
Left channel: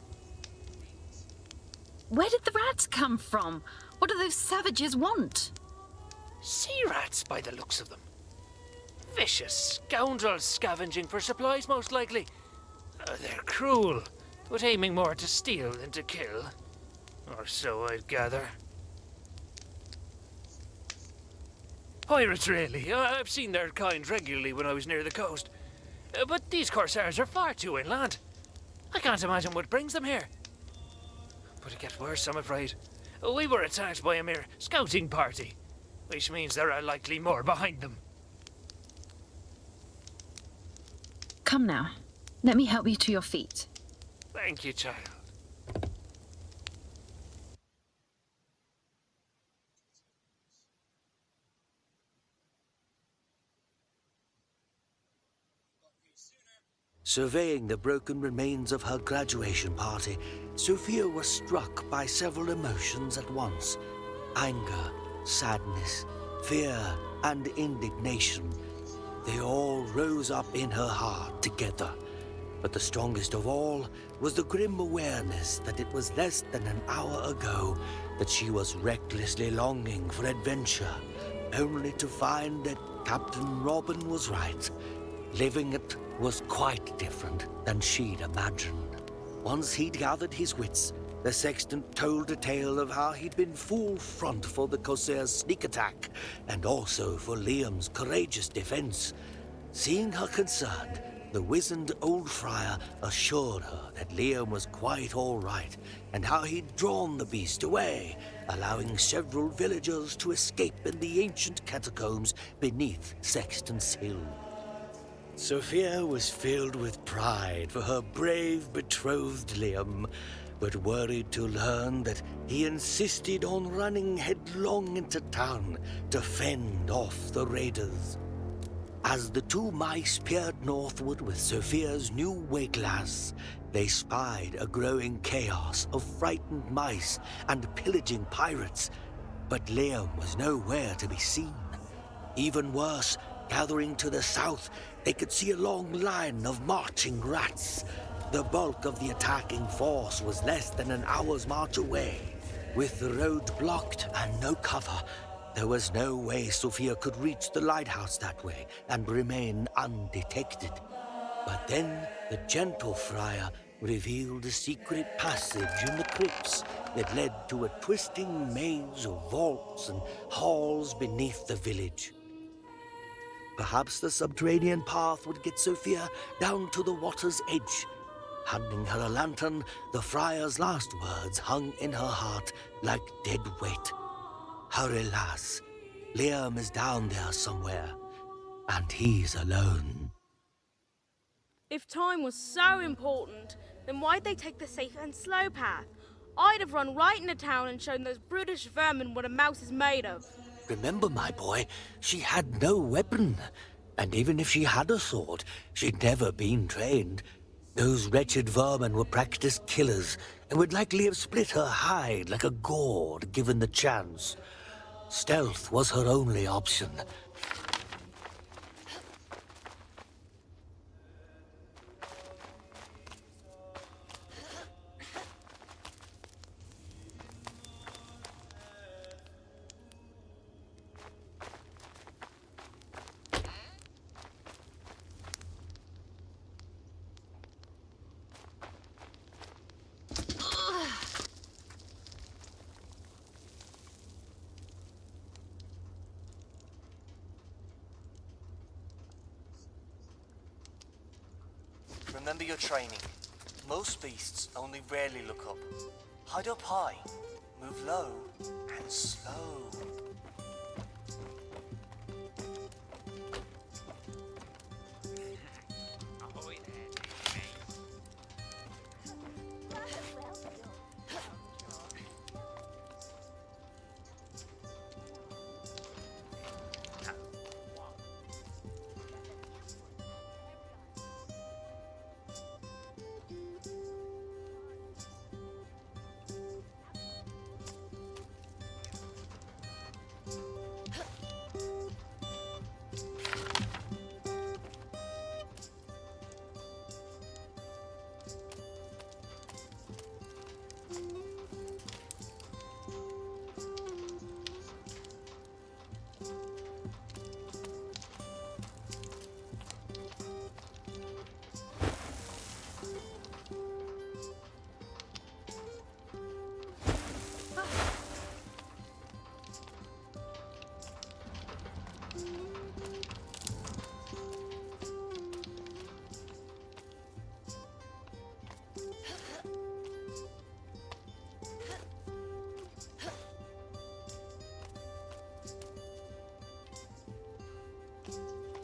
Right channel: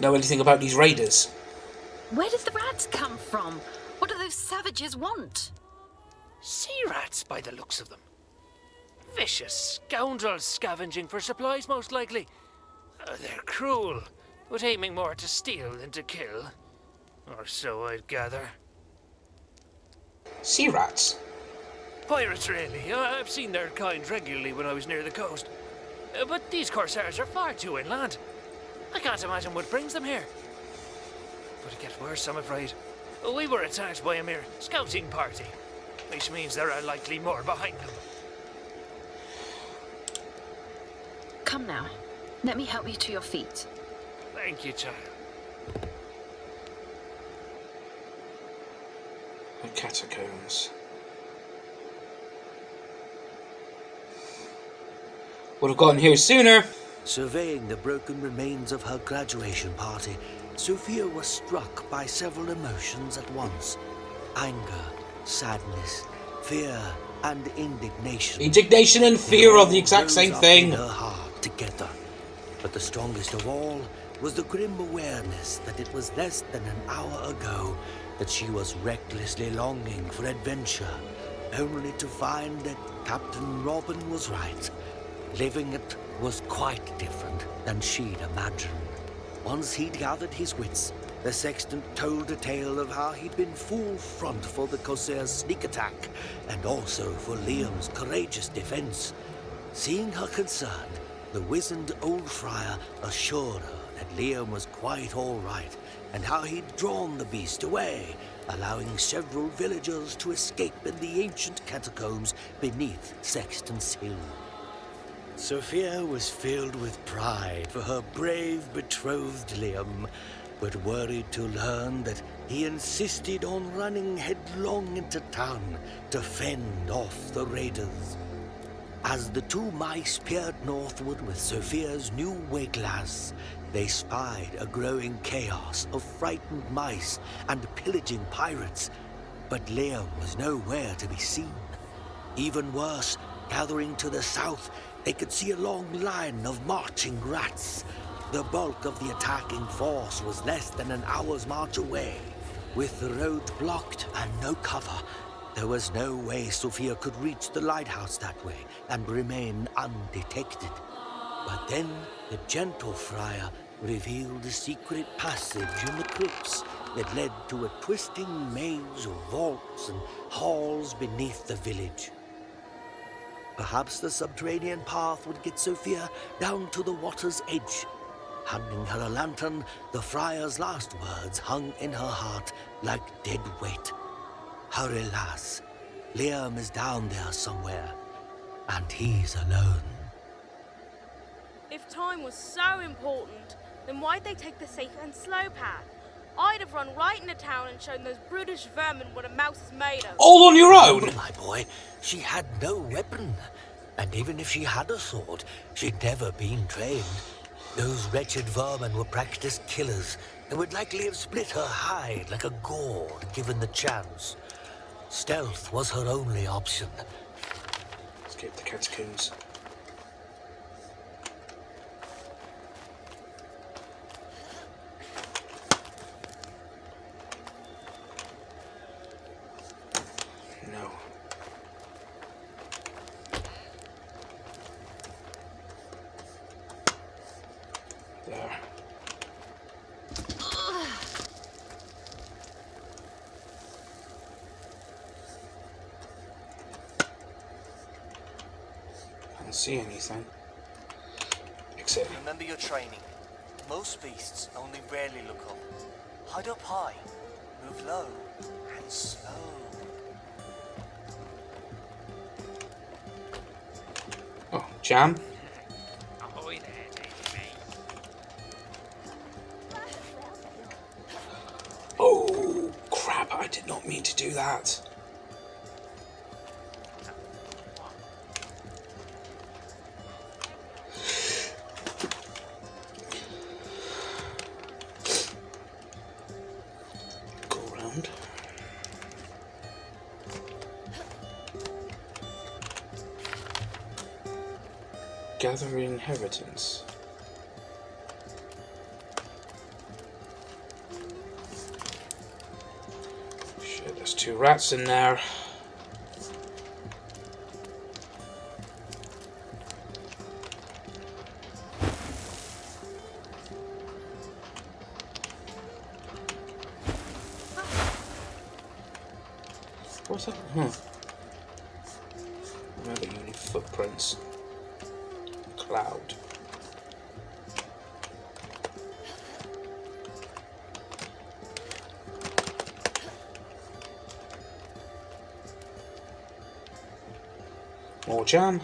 Know anything about these raiders? Where did the rats come from? What do those savages want? Sea rats, by the looks of them. Vicious scoundrels scavenging for supplies, most likely. They're cruel, but aiming more to steal than to kill. Or so I'd gather. Sea rats? Pirates, really. I've seen their kind regularly when I was near the coast. But these corsairs are far too inland. I can't imagine what brings them here. But it gets worse, I'm afraid. We were attacked by a mere scouting party, which means there are likely more behind them. Come now. Let me help you to your feet. Thank you, child. The catacombs. Would have gotten here sooner. Surveying the broken remains of her graduation party, Sophia was struck by several emotions at once. Anger, sadness, fear, and indignation. Indignation and fear are the exact same thing. In her heart together. But the strongest of all was the grim awareness that it was less than an hour ago that she was recklessly longing for adventure, only to find that Captain Robin was right. Living it was quite different than she'd imagined. Once he'd gathered his wits, the sexton told a tale of how he'd been full front for the Corsair's sneak attack, and also for Liam's courageous defense. Seeing her concerned, the wizened old friar assured her that Liam was quite all right, and how he'd drawn the beast away, allowing several villagers to escape in the ancient catacombs beneath Sexton's Hill. Sophia was filled with pride for her brave betrothed Liam, but worried to learn that he insisted on running headlong into town to fend off the raiders. As the two mice peered northward with Sophia's new wayglass, they spied a growing chaos of frightened mice and pillaging pirates, but Liam was nowhere to be seen. Even worse, gathering to the south, they could see a long line of marching rats. The bulk of the attacking force was less than an hour's march away. With the road blocked and no cover, there was no way Sophia could reach the lighthouse that way and remain undetected. But then the gentle friar revealed a secret passage in the crypts that led to a twisting maze of vaults and halls beneath the village. Perhaps the subterranean path would get Sophia down to the water's edge. Handing her a lantern, the friar's last words hung in her heart like dead weight. Hurry, lass. Liam is down there somewhere, and he's alone. If time was so important, then why'd they take the safe and slow path? I'd have run right into town and shown those brutish vermin what a mouse is made of. All on your own? No, my boy, she had no weapon. And even if she had a sword, she'd never been trained. Those wretched vermin were practiced killers and would likely have split her hide like a gourd given the chance. Stealth was her only option. Escape the catacombs. No. There. See anything except Remember your training. Most beasts only rarely look up. Hide up high, move low and slow. oh, jam. Ahoy there, Oh crap, I did not mean to do that. Gather inheritance. Shit, there's 2 rats in there. What's that? Footprints. Cloud. More jam.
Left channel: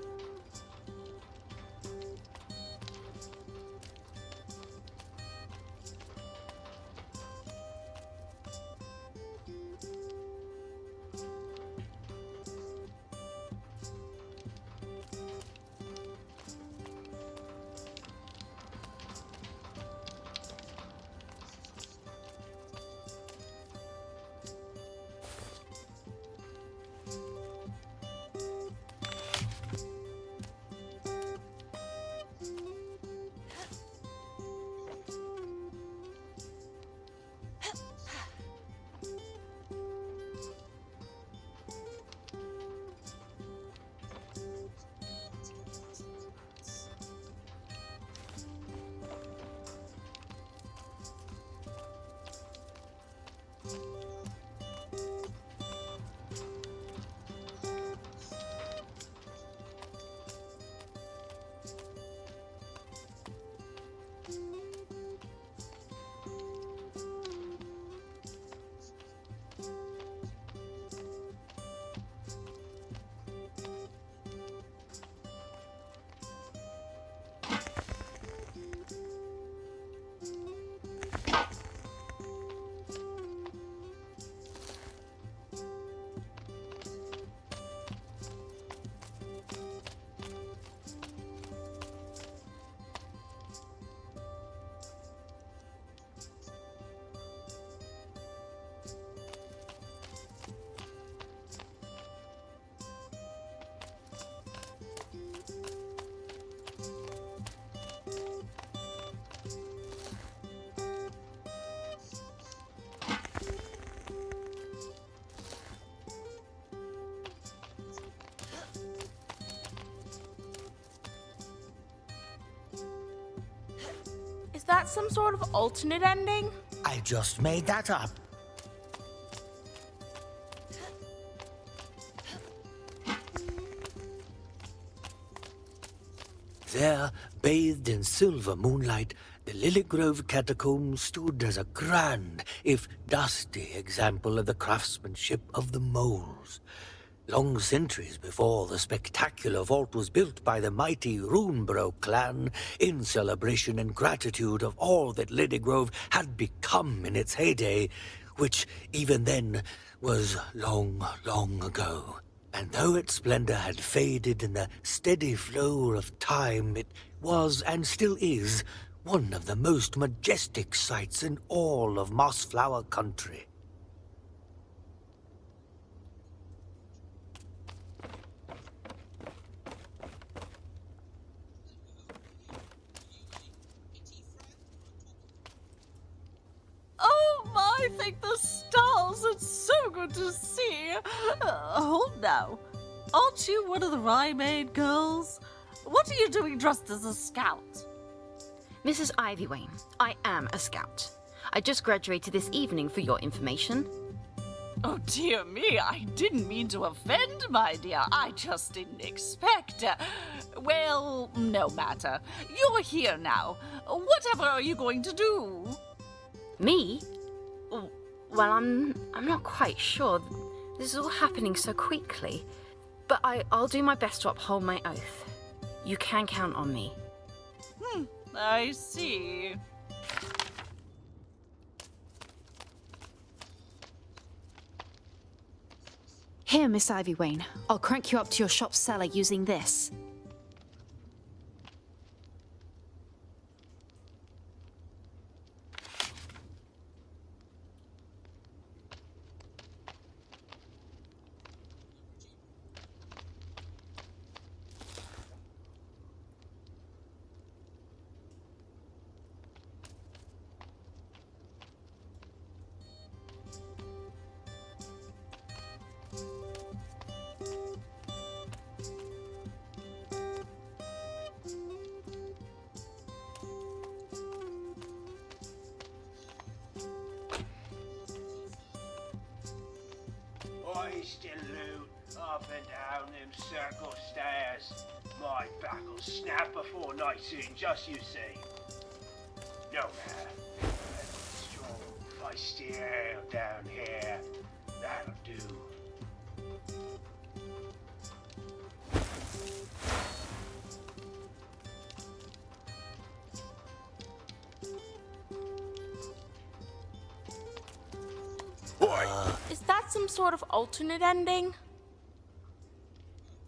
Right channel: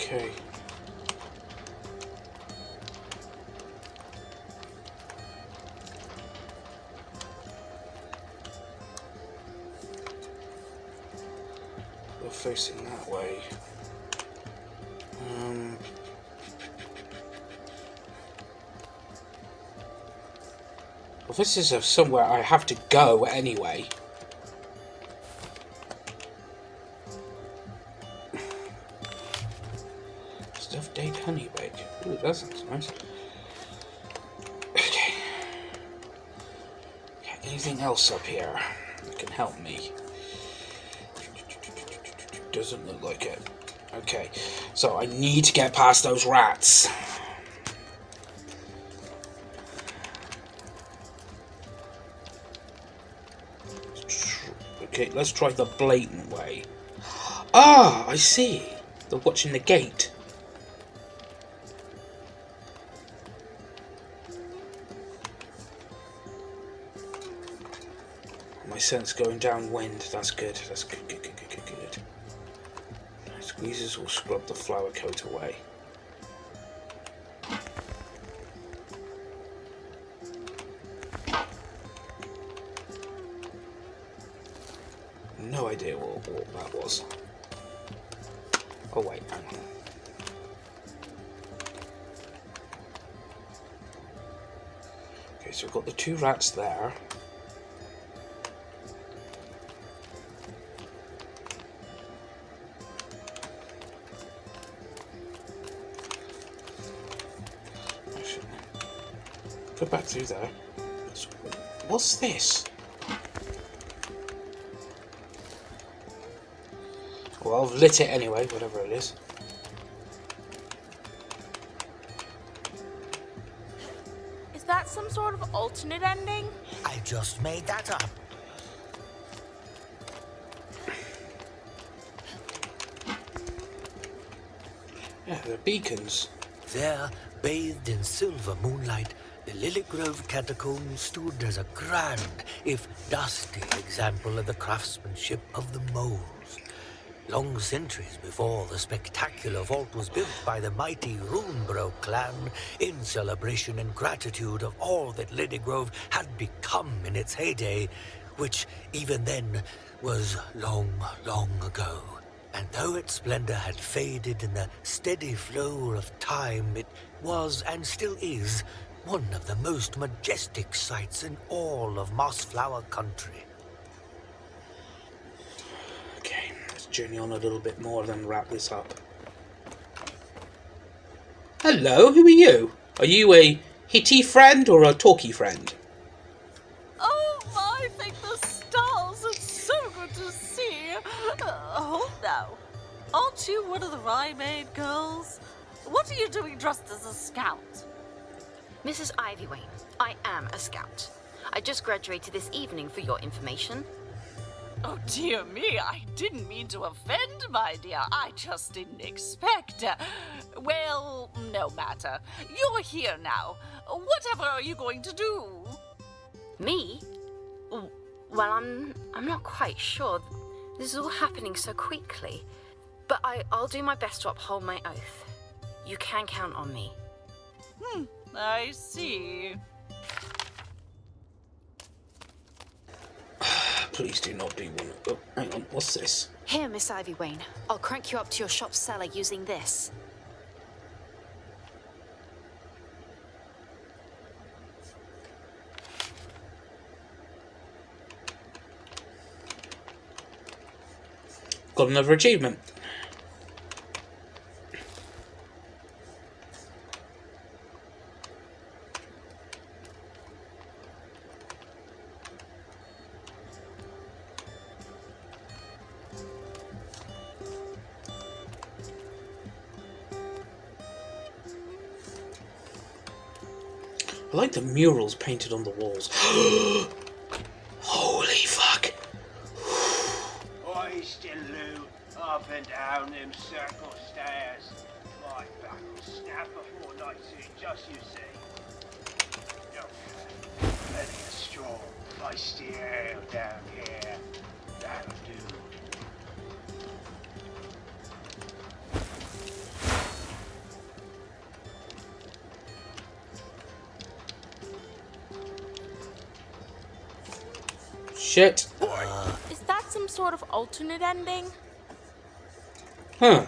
Okay. We're facing that way. Well, this is somewhere I have to go anyway. That sounds nice. Okay. Anything else up here that can help me? Doesn't look like it. Okay, so I need to get past those rats. Okay, let's try the blatant way. Ah, I see. They're watching the gate. Sense going downwind. That's good. That's good. Good. Squeezes will scrub the flower coat away. No idea what that was. Oh wait, hang on. Okay, so we've got the 2 rats there. Go back through there. What's this? Well, I've lit it anyway, whatever it is. Is that some sort of alternate ending? I just made that up. Yeah, they're beacons. There, bathed in silver moonlight, the Lillygrove catacombs stood as a grand, if dusty, example of the craftsmanship of the moles. Long centuries before the spectacular vault was built by the mighty Runeborough clan in celebration and gratitude of all that Lillygrove had become in its heyday, which even then was long, long ago. And though its splendor had faded in the steady flow of time, it was and still is one of the most majestic sights in all of Mossflower country. Okay, let's journey on a little bit more, then wrap this up. Hello, who are you? Are you a hitty friend or a talky friend? Oh my, thank the stars, it's so good to see. Hold now, aren't you one of the Rye-Maid girls? What are you doing dressed as a scout? Mrs. Ivywayne, I am a scout. I just graduated this evening for your information. Oh dear me, I didn't mean to offend, my dear. I just didn't expect. Well, no matter. You're here now. Whatever are you going to do? Me? Well, I'm not quite sure. This is all happening so quickly. But I'll do my best to uphold my oath. You can count on me. I see. Please do not be one. Oh, hang on, what's this? Here, Miss Ivy Wayne. I'll crank you up to your shop cellar using this. Got another achievement. I like the murals painted on the walls. Holy fuck. I still loot up and down them circle stairs. My back will snap before night soon, just you see. No man, let the strong, feisty ale down here. That'll do. Shit. Is that some sort of alternate ending? Huh.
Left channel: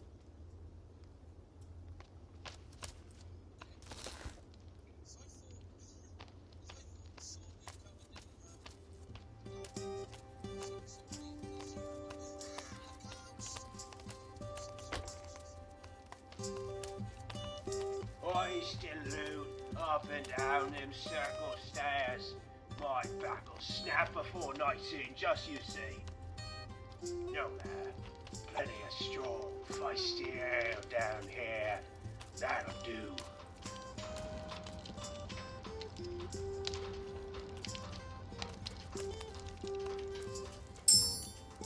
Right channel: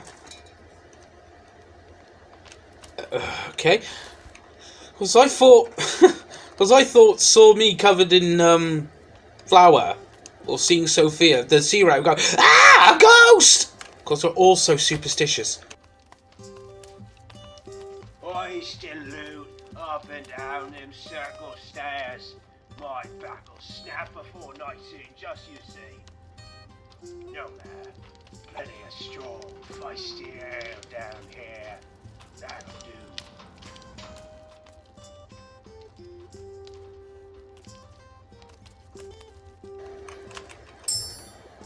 Okay. Because I thought saw me covered in flour, or seeing Sophia, the sea rat go, ah, a ghost! Because we're all so superstitious. I still loot up and down them circle stairs. My back will snap before night soon, just you see. No man, plenty of strong, feisty ale down here. That'll do.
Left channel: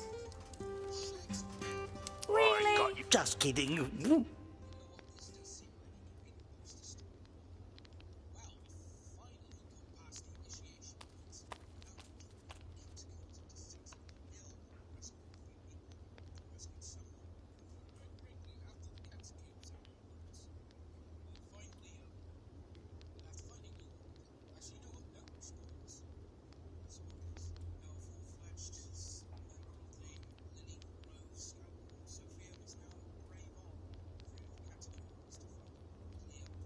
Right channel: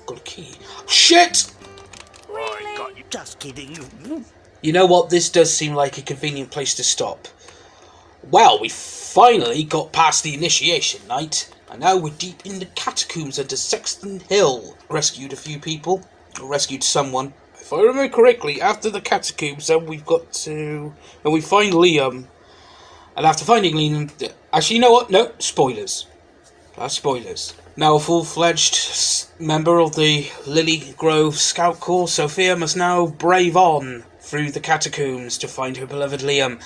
Got a key. Shit! I got you. Just kidding. You know what? This does seem like a convenient place to stop. Well, we finally got past the initiation night, and now we're deep in the catacombs under Sexton Hill. Rescued a few people, or rescued someone. If I remember correctly, after the catacombs, then we've got to... and we find Liam. And after finding Liam... Actually, you know what? No, spoilers. Spoilers. Now a full-fledged member of the Lillygrove Scout Corps, Sophia must now brave on through the catacombs to find her beloved Liam.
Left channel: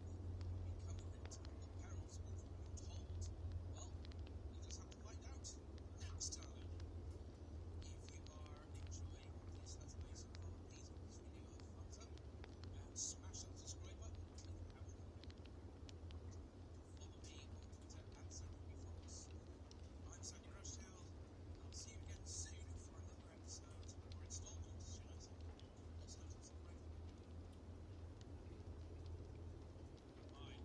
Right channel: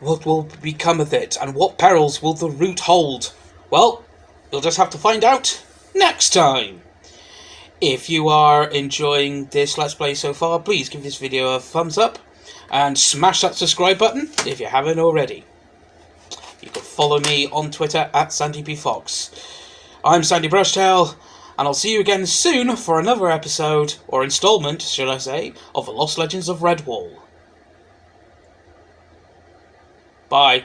What will become of it, and what perils will the route hold? Well, you'll just have to find out next time. If you are enjoying this Let's Play so far, please give this video a thumbs up and smash that subscribe button if you haven't already. You can follow me on Twitter at SandyPFox. I'm Sandy Brushtail, and I'll see you again soon for another episode, or installment, should I say, of The Lost Legends of Redwall. Bye.